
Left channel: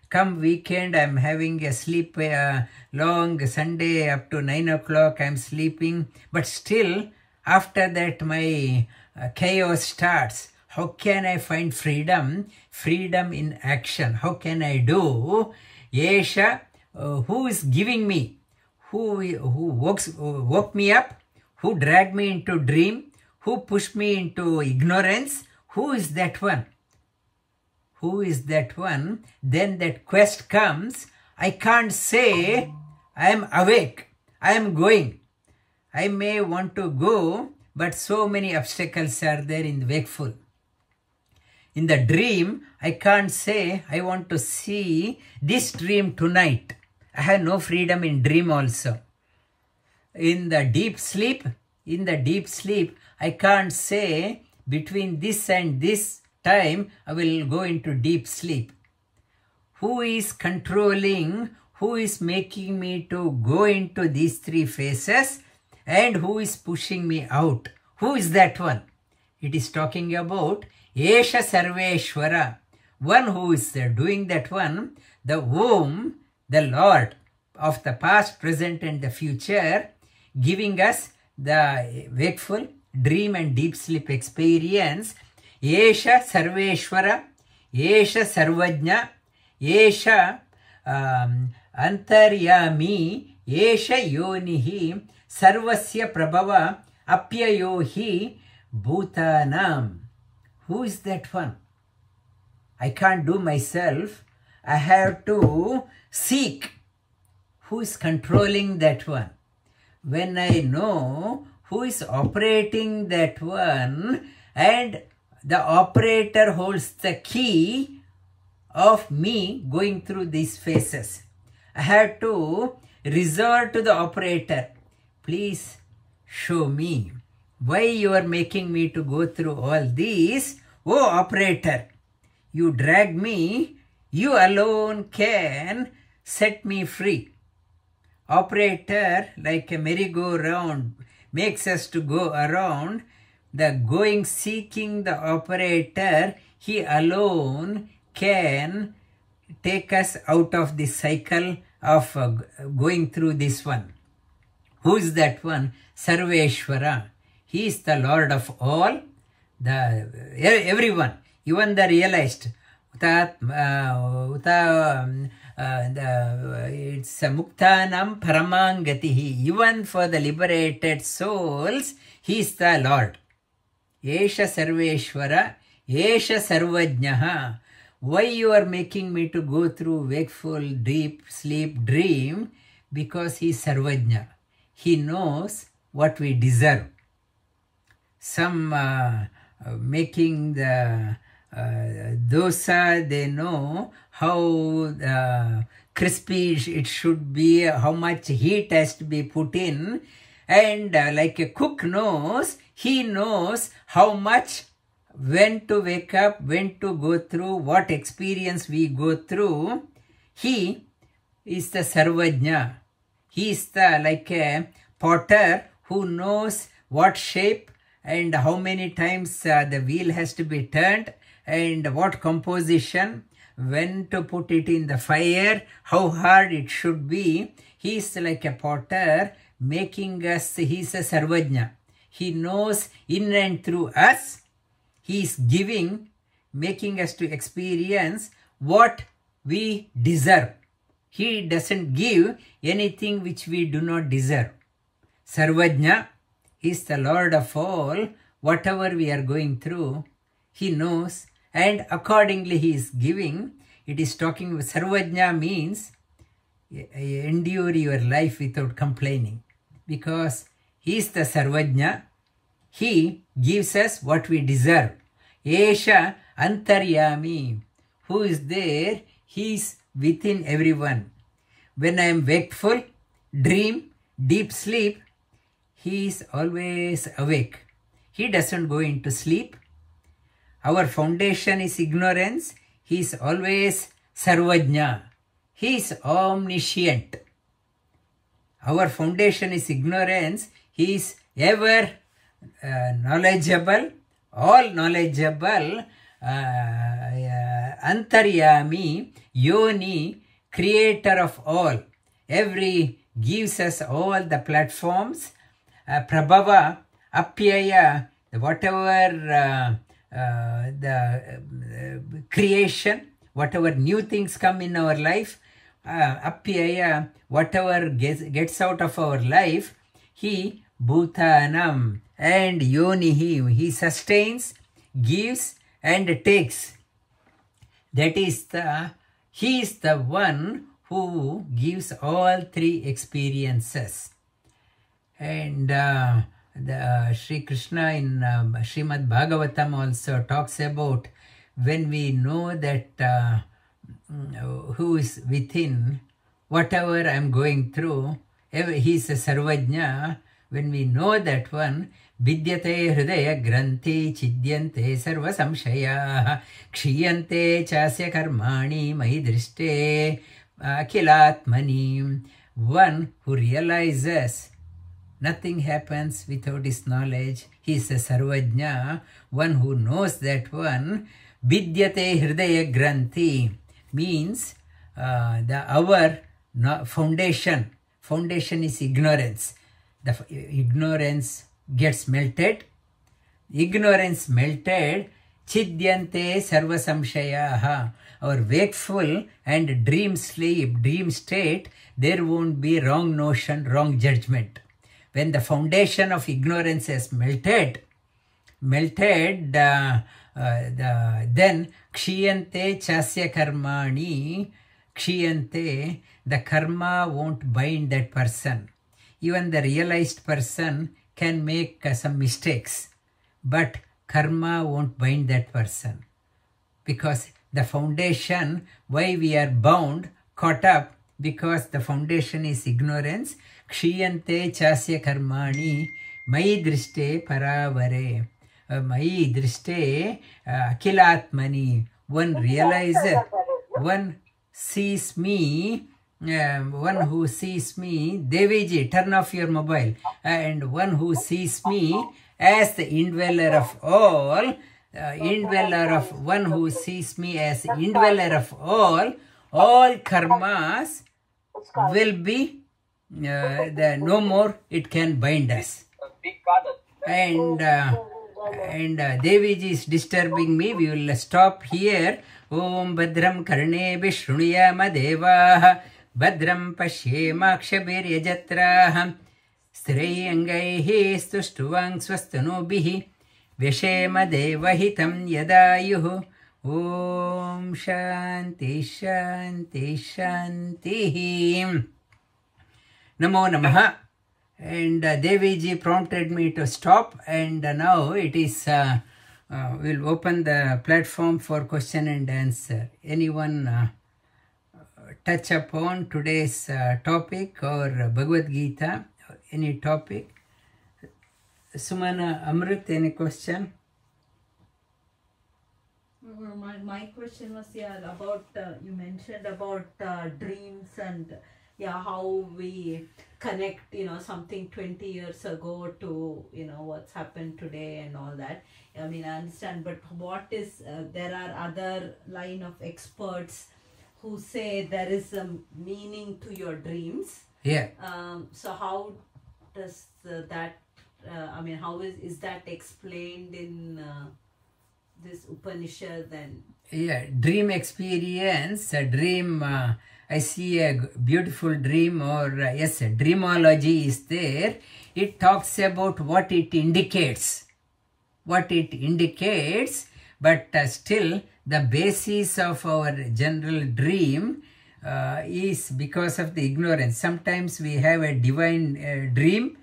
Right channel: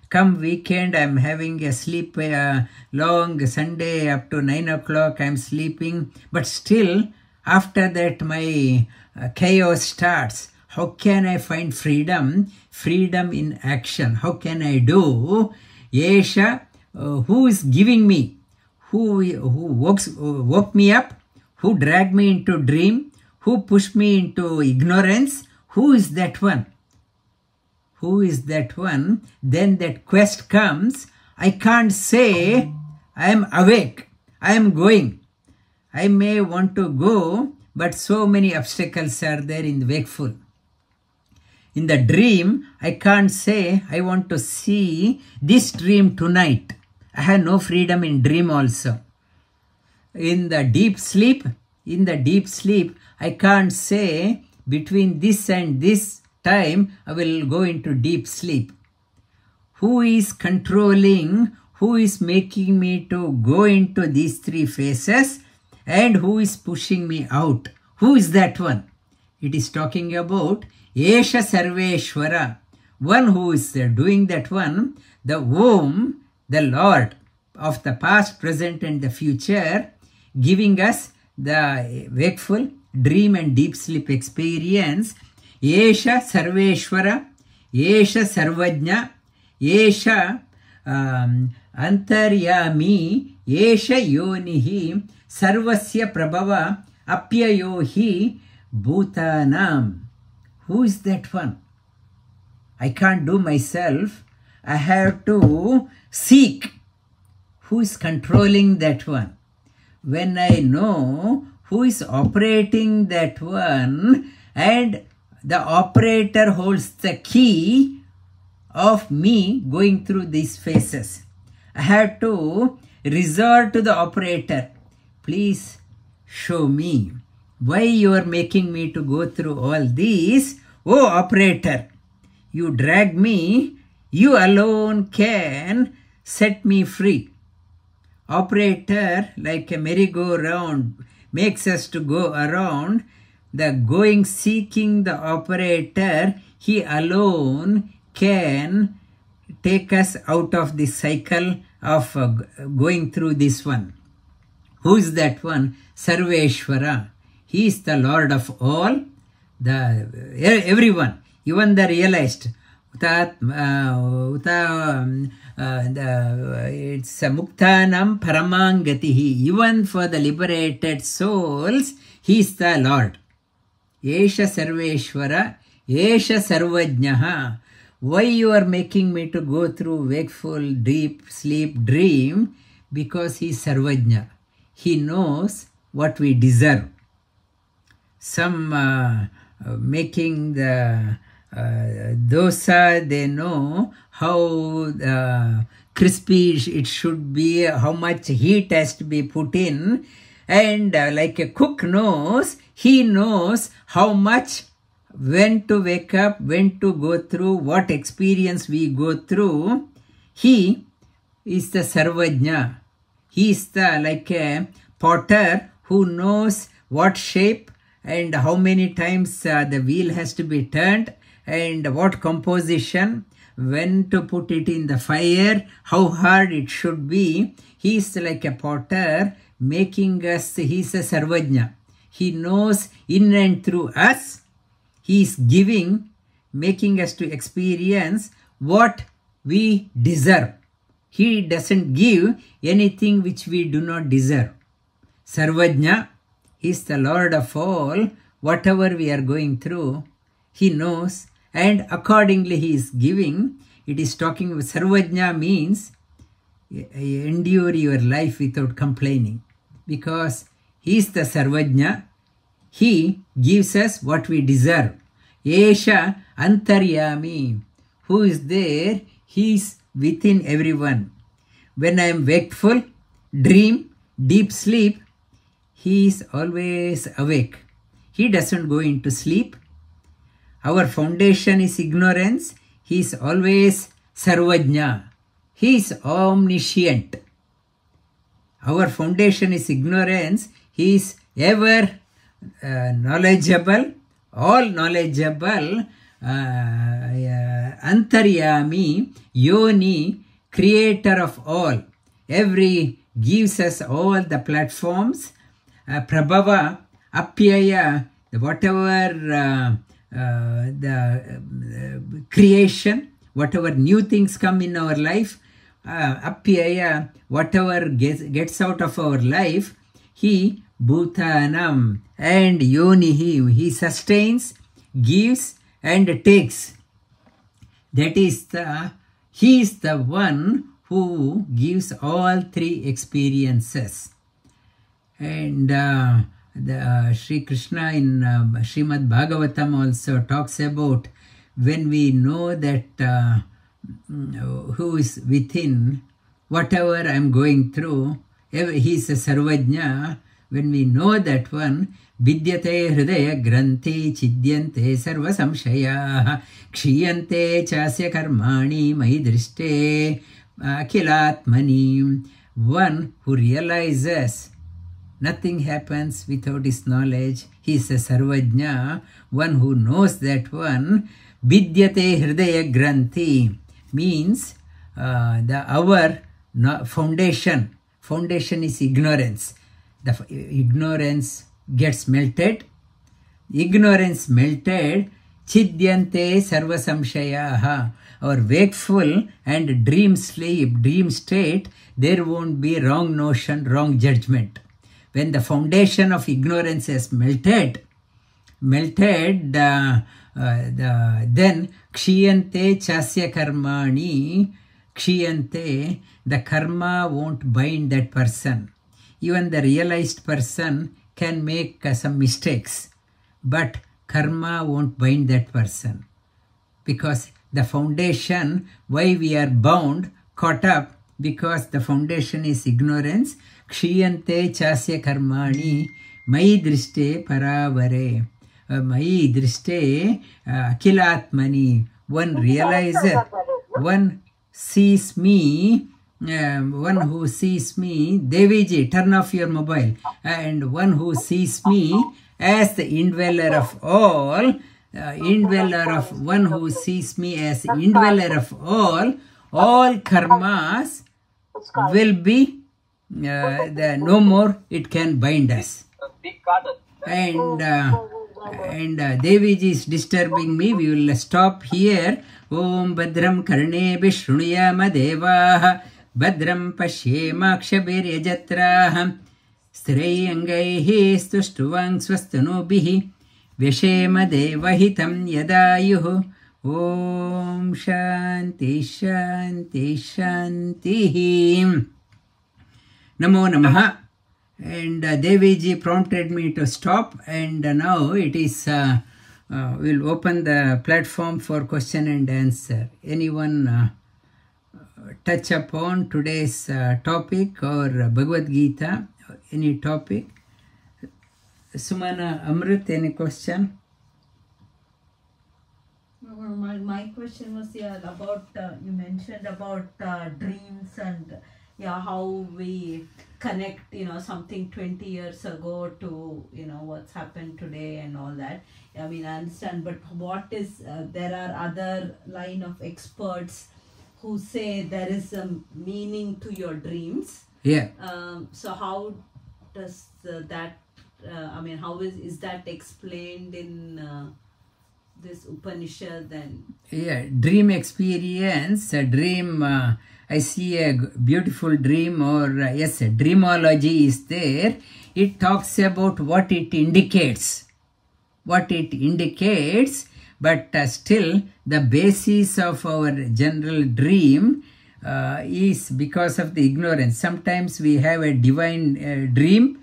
Come weekend, I am having a sleep long Sunday up to 9 o'clock, I am sleeping. But still, after that, my chaos starts. How can I find freedom? Freedom in action. How can I do? Yesha, who is giving me? Who woke me up? Who dragged me into dream? Who pushed me into ignorance? Who is that one? Who is that one? Then that quest comes. I can't say I am awake. I am going. I may want to go, but so many obstacles are there in the wakeful. In the dream, I can't say I want to see this dream tonight. I have no freedom in dream also. In the deep sleep, in the deep sleep, I can't say between this and this time I will go into deep sleep. Who is controlling, who is making me to go into these three phases, and who is pushing me out? Who is that one? It is talking about Esha Sarveshwara, one who is doing that one, the Om, the Lord of the past, present and the future, giving us the wakeful, dream and deep sleep experience. Esha Sarveshwara, Esha Sarvajna, Esha Antaryami, Esha Yonihi, Sarvasya Prabhava, Apyayohi, Bhutanam. Who is that one? I can't do myself. I have to seek. Who is controlling that one? When I know who is operating that one, and the operator holds the key of me going through these phases, I have to resort to the operator. Please show me why you are making me to go through all these. Oh, operator, you drag me, you alone can set me free. Operator, like a merry-go-round, makes us to go around. The going, seeking the operator, he alone can take us out of the cycle of going through this one. Who is that one? Sarveshwara. He is the Lord of all, everyone, even the realized. It's Muktanam Paramangatihi. Even for the liberated souls, he is the Lord. Esha Sarveshwara, Esha Sarvajnaha. Why you are making me to go through wakeful, deep sleep, dream? Because he is Sarvajna. He knows what we deserve. Some making the dosa, they know how crispy it should be, how much heat has to be put in, and like a cook knows, he knows how much, when to wake up, when to go through, what experience we go through. He is the Sarvajna. He is the like a potter who knows what shape and how many times the wheel has to be turned, and what composition, when to put it in the fire, how hard it should be. He is like a potter making us, he is a Sarvajna. He knows in and through us. He is giving, making us to experience what we deserve. He doesn't give anything which we do not deserve. Sarvajna is the Lord of all. Whatever we are going through, he knows, and accordingly he is giving. It is talking about Sarvajna means endure your life without complaining, because he is the Sarvajna. He gives us what we deserve. Esha Antaryami. Who is there? He is within everyone. When I am wakeful, dream, deep sleep, he is always awake. He doesn't go into sleep. Our foundation is ignorance. He is always Sarvajna. He is omniscient. Our foundation is ignorance. He is ever knowledgeable, all knowledgeable, Antaryami, Yoni, creator of all. Every gives us all the platforms. Prabhava, Apyaya, whatever the creation, whatever new things come in our life, Apyaya, whatever gets out of our life, he Bhutanam, and Yonihi, he sustains, gives and takes. That is he is the one who gives all three experiences. And Sri Krishna in Srimad Bhagavatam also talks about when we know that who is within, whatever I am going through, he is a Sarvajna. when we know that one, vidyate hridaya granthi chidyante sarva samshaya kshiyante chasya karmani mai drishte akilatmani. One who realizes nothing happens without his knowledge, he is a sarvajna. One who knows that one, vidyate hridaya granthi, means our foundation is ignorance. The ignorance gets melted. Ignorance melted, chidyante sarva samshayaha. Our wakeful and dream state, there won't be wrong notion, wrong judgment. When the foundation of ignorance has melted, then kshiyante chasya karmani, kshiyante, the karma won't bind that person. Even the realized person can make some mistakes, but karma won't bind that person. Because the foundation, why we are bound, caught up, because the foundation is ignorance. Kshiyante chasya karmani, mai drishte paravare. Mai drishte akilatmani. One realizes, one sees me, one who sees me, Deviji, turn off your mobile, and one who sees me as the indweller of all, one who sees me as indweller of all karmas will be no more, it can bind us. And Deviji is disturbing me. We will stop here. Om Badram Karne Vishrunuyama Devaha Badram Pashyema Kshabiryajatraha Strayangaihi Stuštuvang Swastanobihi Vyashema Devahitam Yadayuhu. Om Shanti Shanti Shanti. Namo Namaha. And Deviji prompted me to stop, and now it is, we'll open the platform for question and answer. Anyone touch upon today's topic or Bhagavad Gita, any topic? Sumana, Amrit, any question? My question was about, you mentioned about dreams and how we connect, something 20 years ago to, what's happened today and all that. I mean, I understand, but what is, there are other line of experts who say there is a meaning to your dreams. Yeah. So how does that, how is that explained in this Upanishad then? Yeah, dream experience, a dream, I see a beautiful dream, or yes, dreamology is there. It talks about what it indicates. But still the basis of our general dream is because of the ignorance. Sometimes we have a divine dream.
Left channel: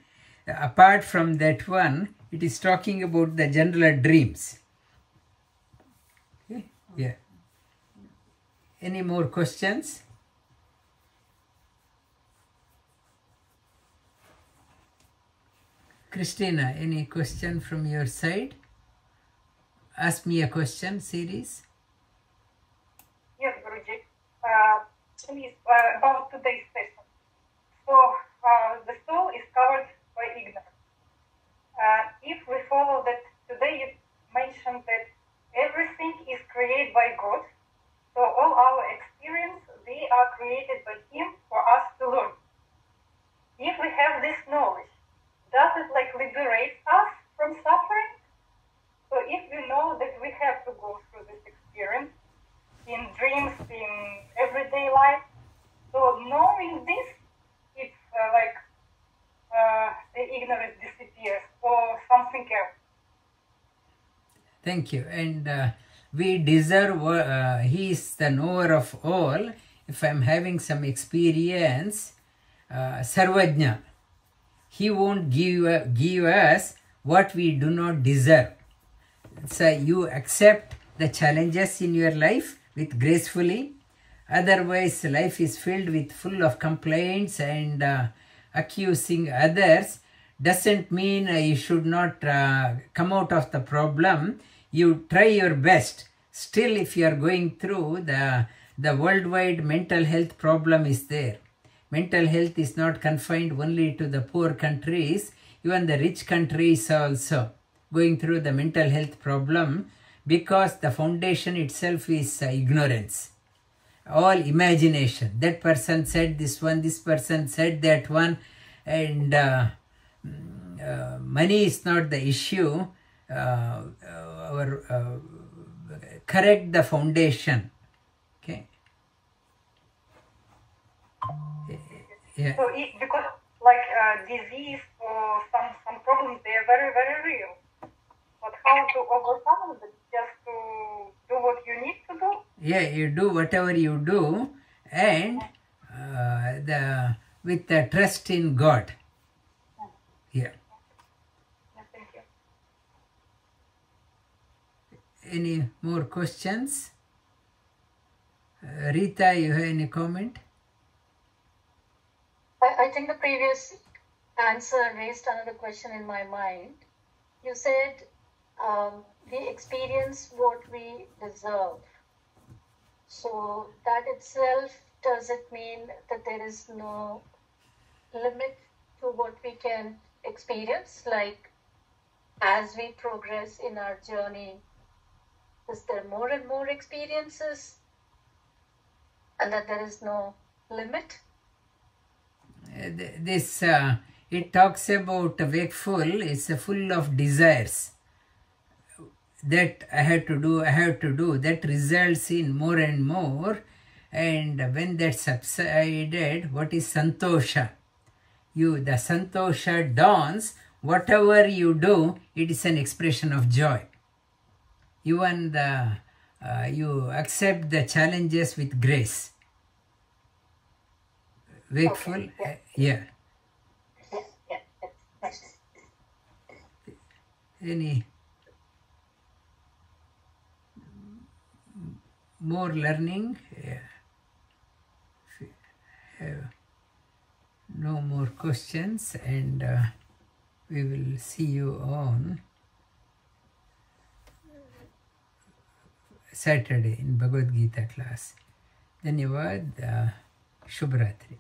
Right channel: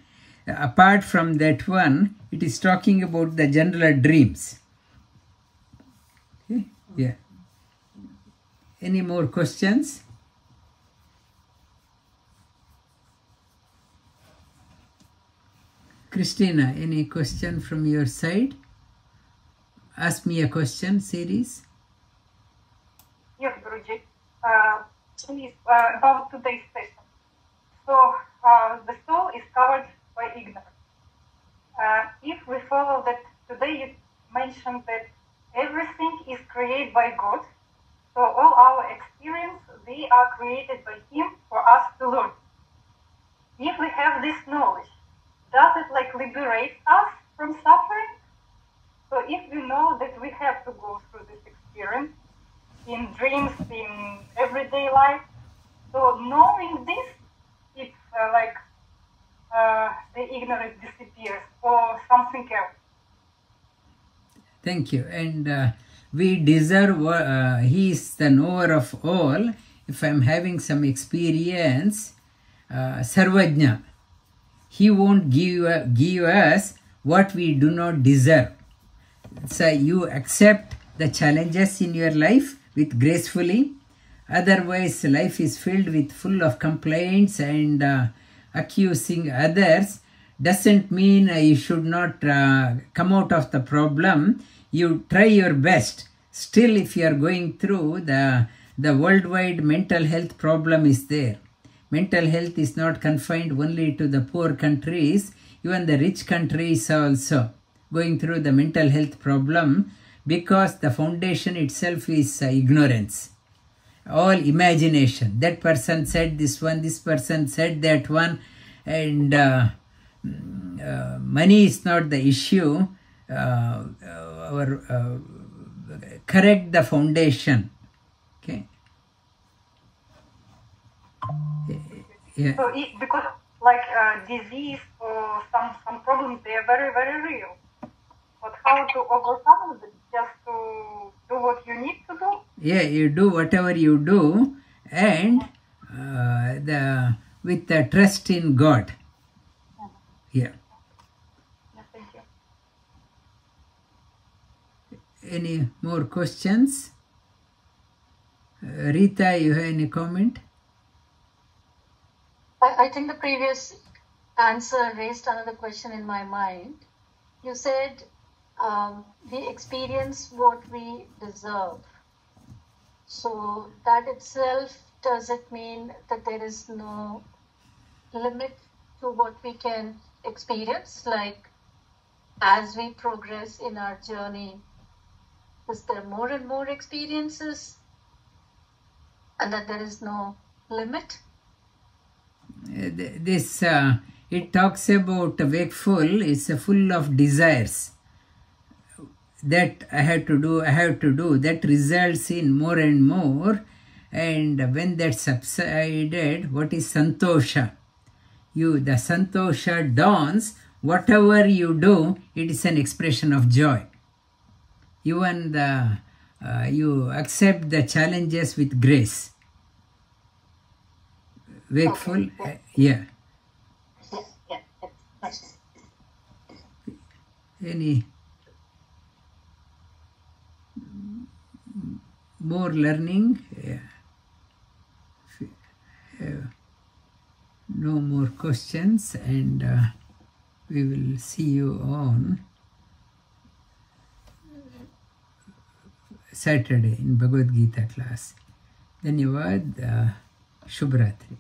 Apart from that one, it is talking about the general dreams. Okay? Yeah. Any more questions? Christina, any question from your side? Ask me a question, series. Yes, Guruji. Please, about today's session. So, the soul is covered by ignorance. If we follow that, today you mentioned that everything is created by God, so all our experience, they are created by Him for us to learn. If we have this knowledge, does it liberate us from suffering? So if we know that we have to go through this experience in dreams, in everyday life, so knowing this, it's the ignorance disappears or something else. Thank you. And we deserve, He is the knower of all. If I'm having some experience, Sarvajna, He won't give us what we do not deserve. So you accept the challenges in your life with gracefully. Otherwise, life is filled with full of complaints and accusing others. doesn't mean you should not come out of the problem. You try your best. Still, if you are going through, the worldwide mental health problem is there. Mental health is not confined only to the poor countries. Even the rich countries are also going through the mental health problem, because the foundation itself is ignorance. All imagination. That person said this one, this person said that one, and money is not the issue. Correct the foundation. Okay. Yeah. So because like disease or some problems, they are very, very real. But how to overcome them? Just to do what you need to do? Yeah, you do whatever you do, and with the trust in God. Yeah. Yeah, thank you. Any more questions? Rita, you have any comment? I think the previous answer raised another question in my mind. You said we experience what we deserve. So that itself, does it mean that there is no limit to what we can experience? Like, as we progress in our journey, is there more and more experiences, and that there is no limit? This it talks about wakeful is full of desires. That I have to do, that results in more and more, and when that subsided, what is santosha? The santosha dawns. Whatever you do, it is an expression of joy. Even you accept the challenges with grace. Wakeful, yeah. Any more learning? No more questions, and we will see you on Saturday in Bhagavad Gita class. Dhanyavad. Shubhratri.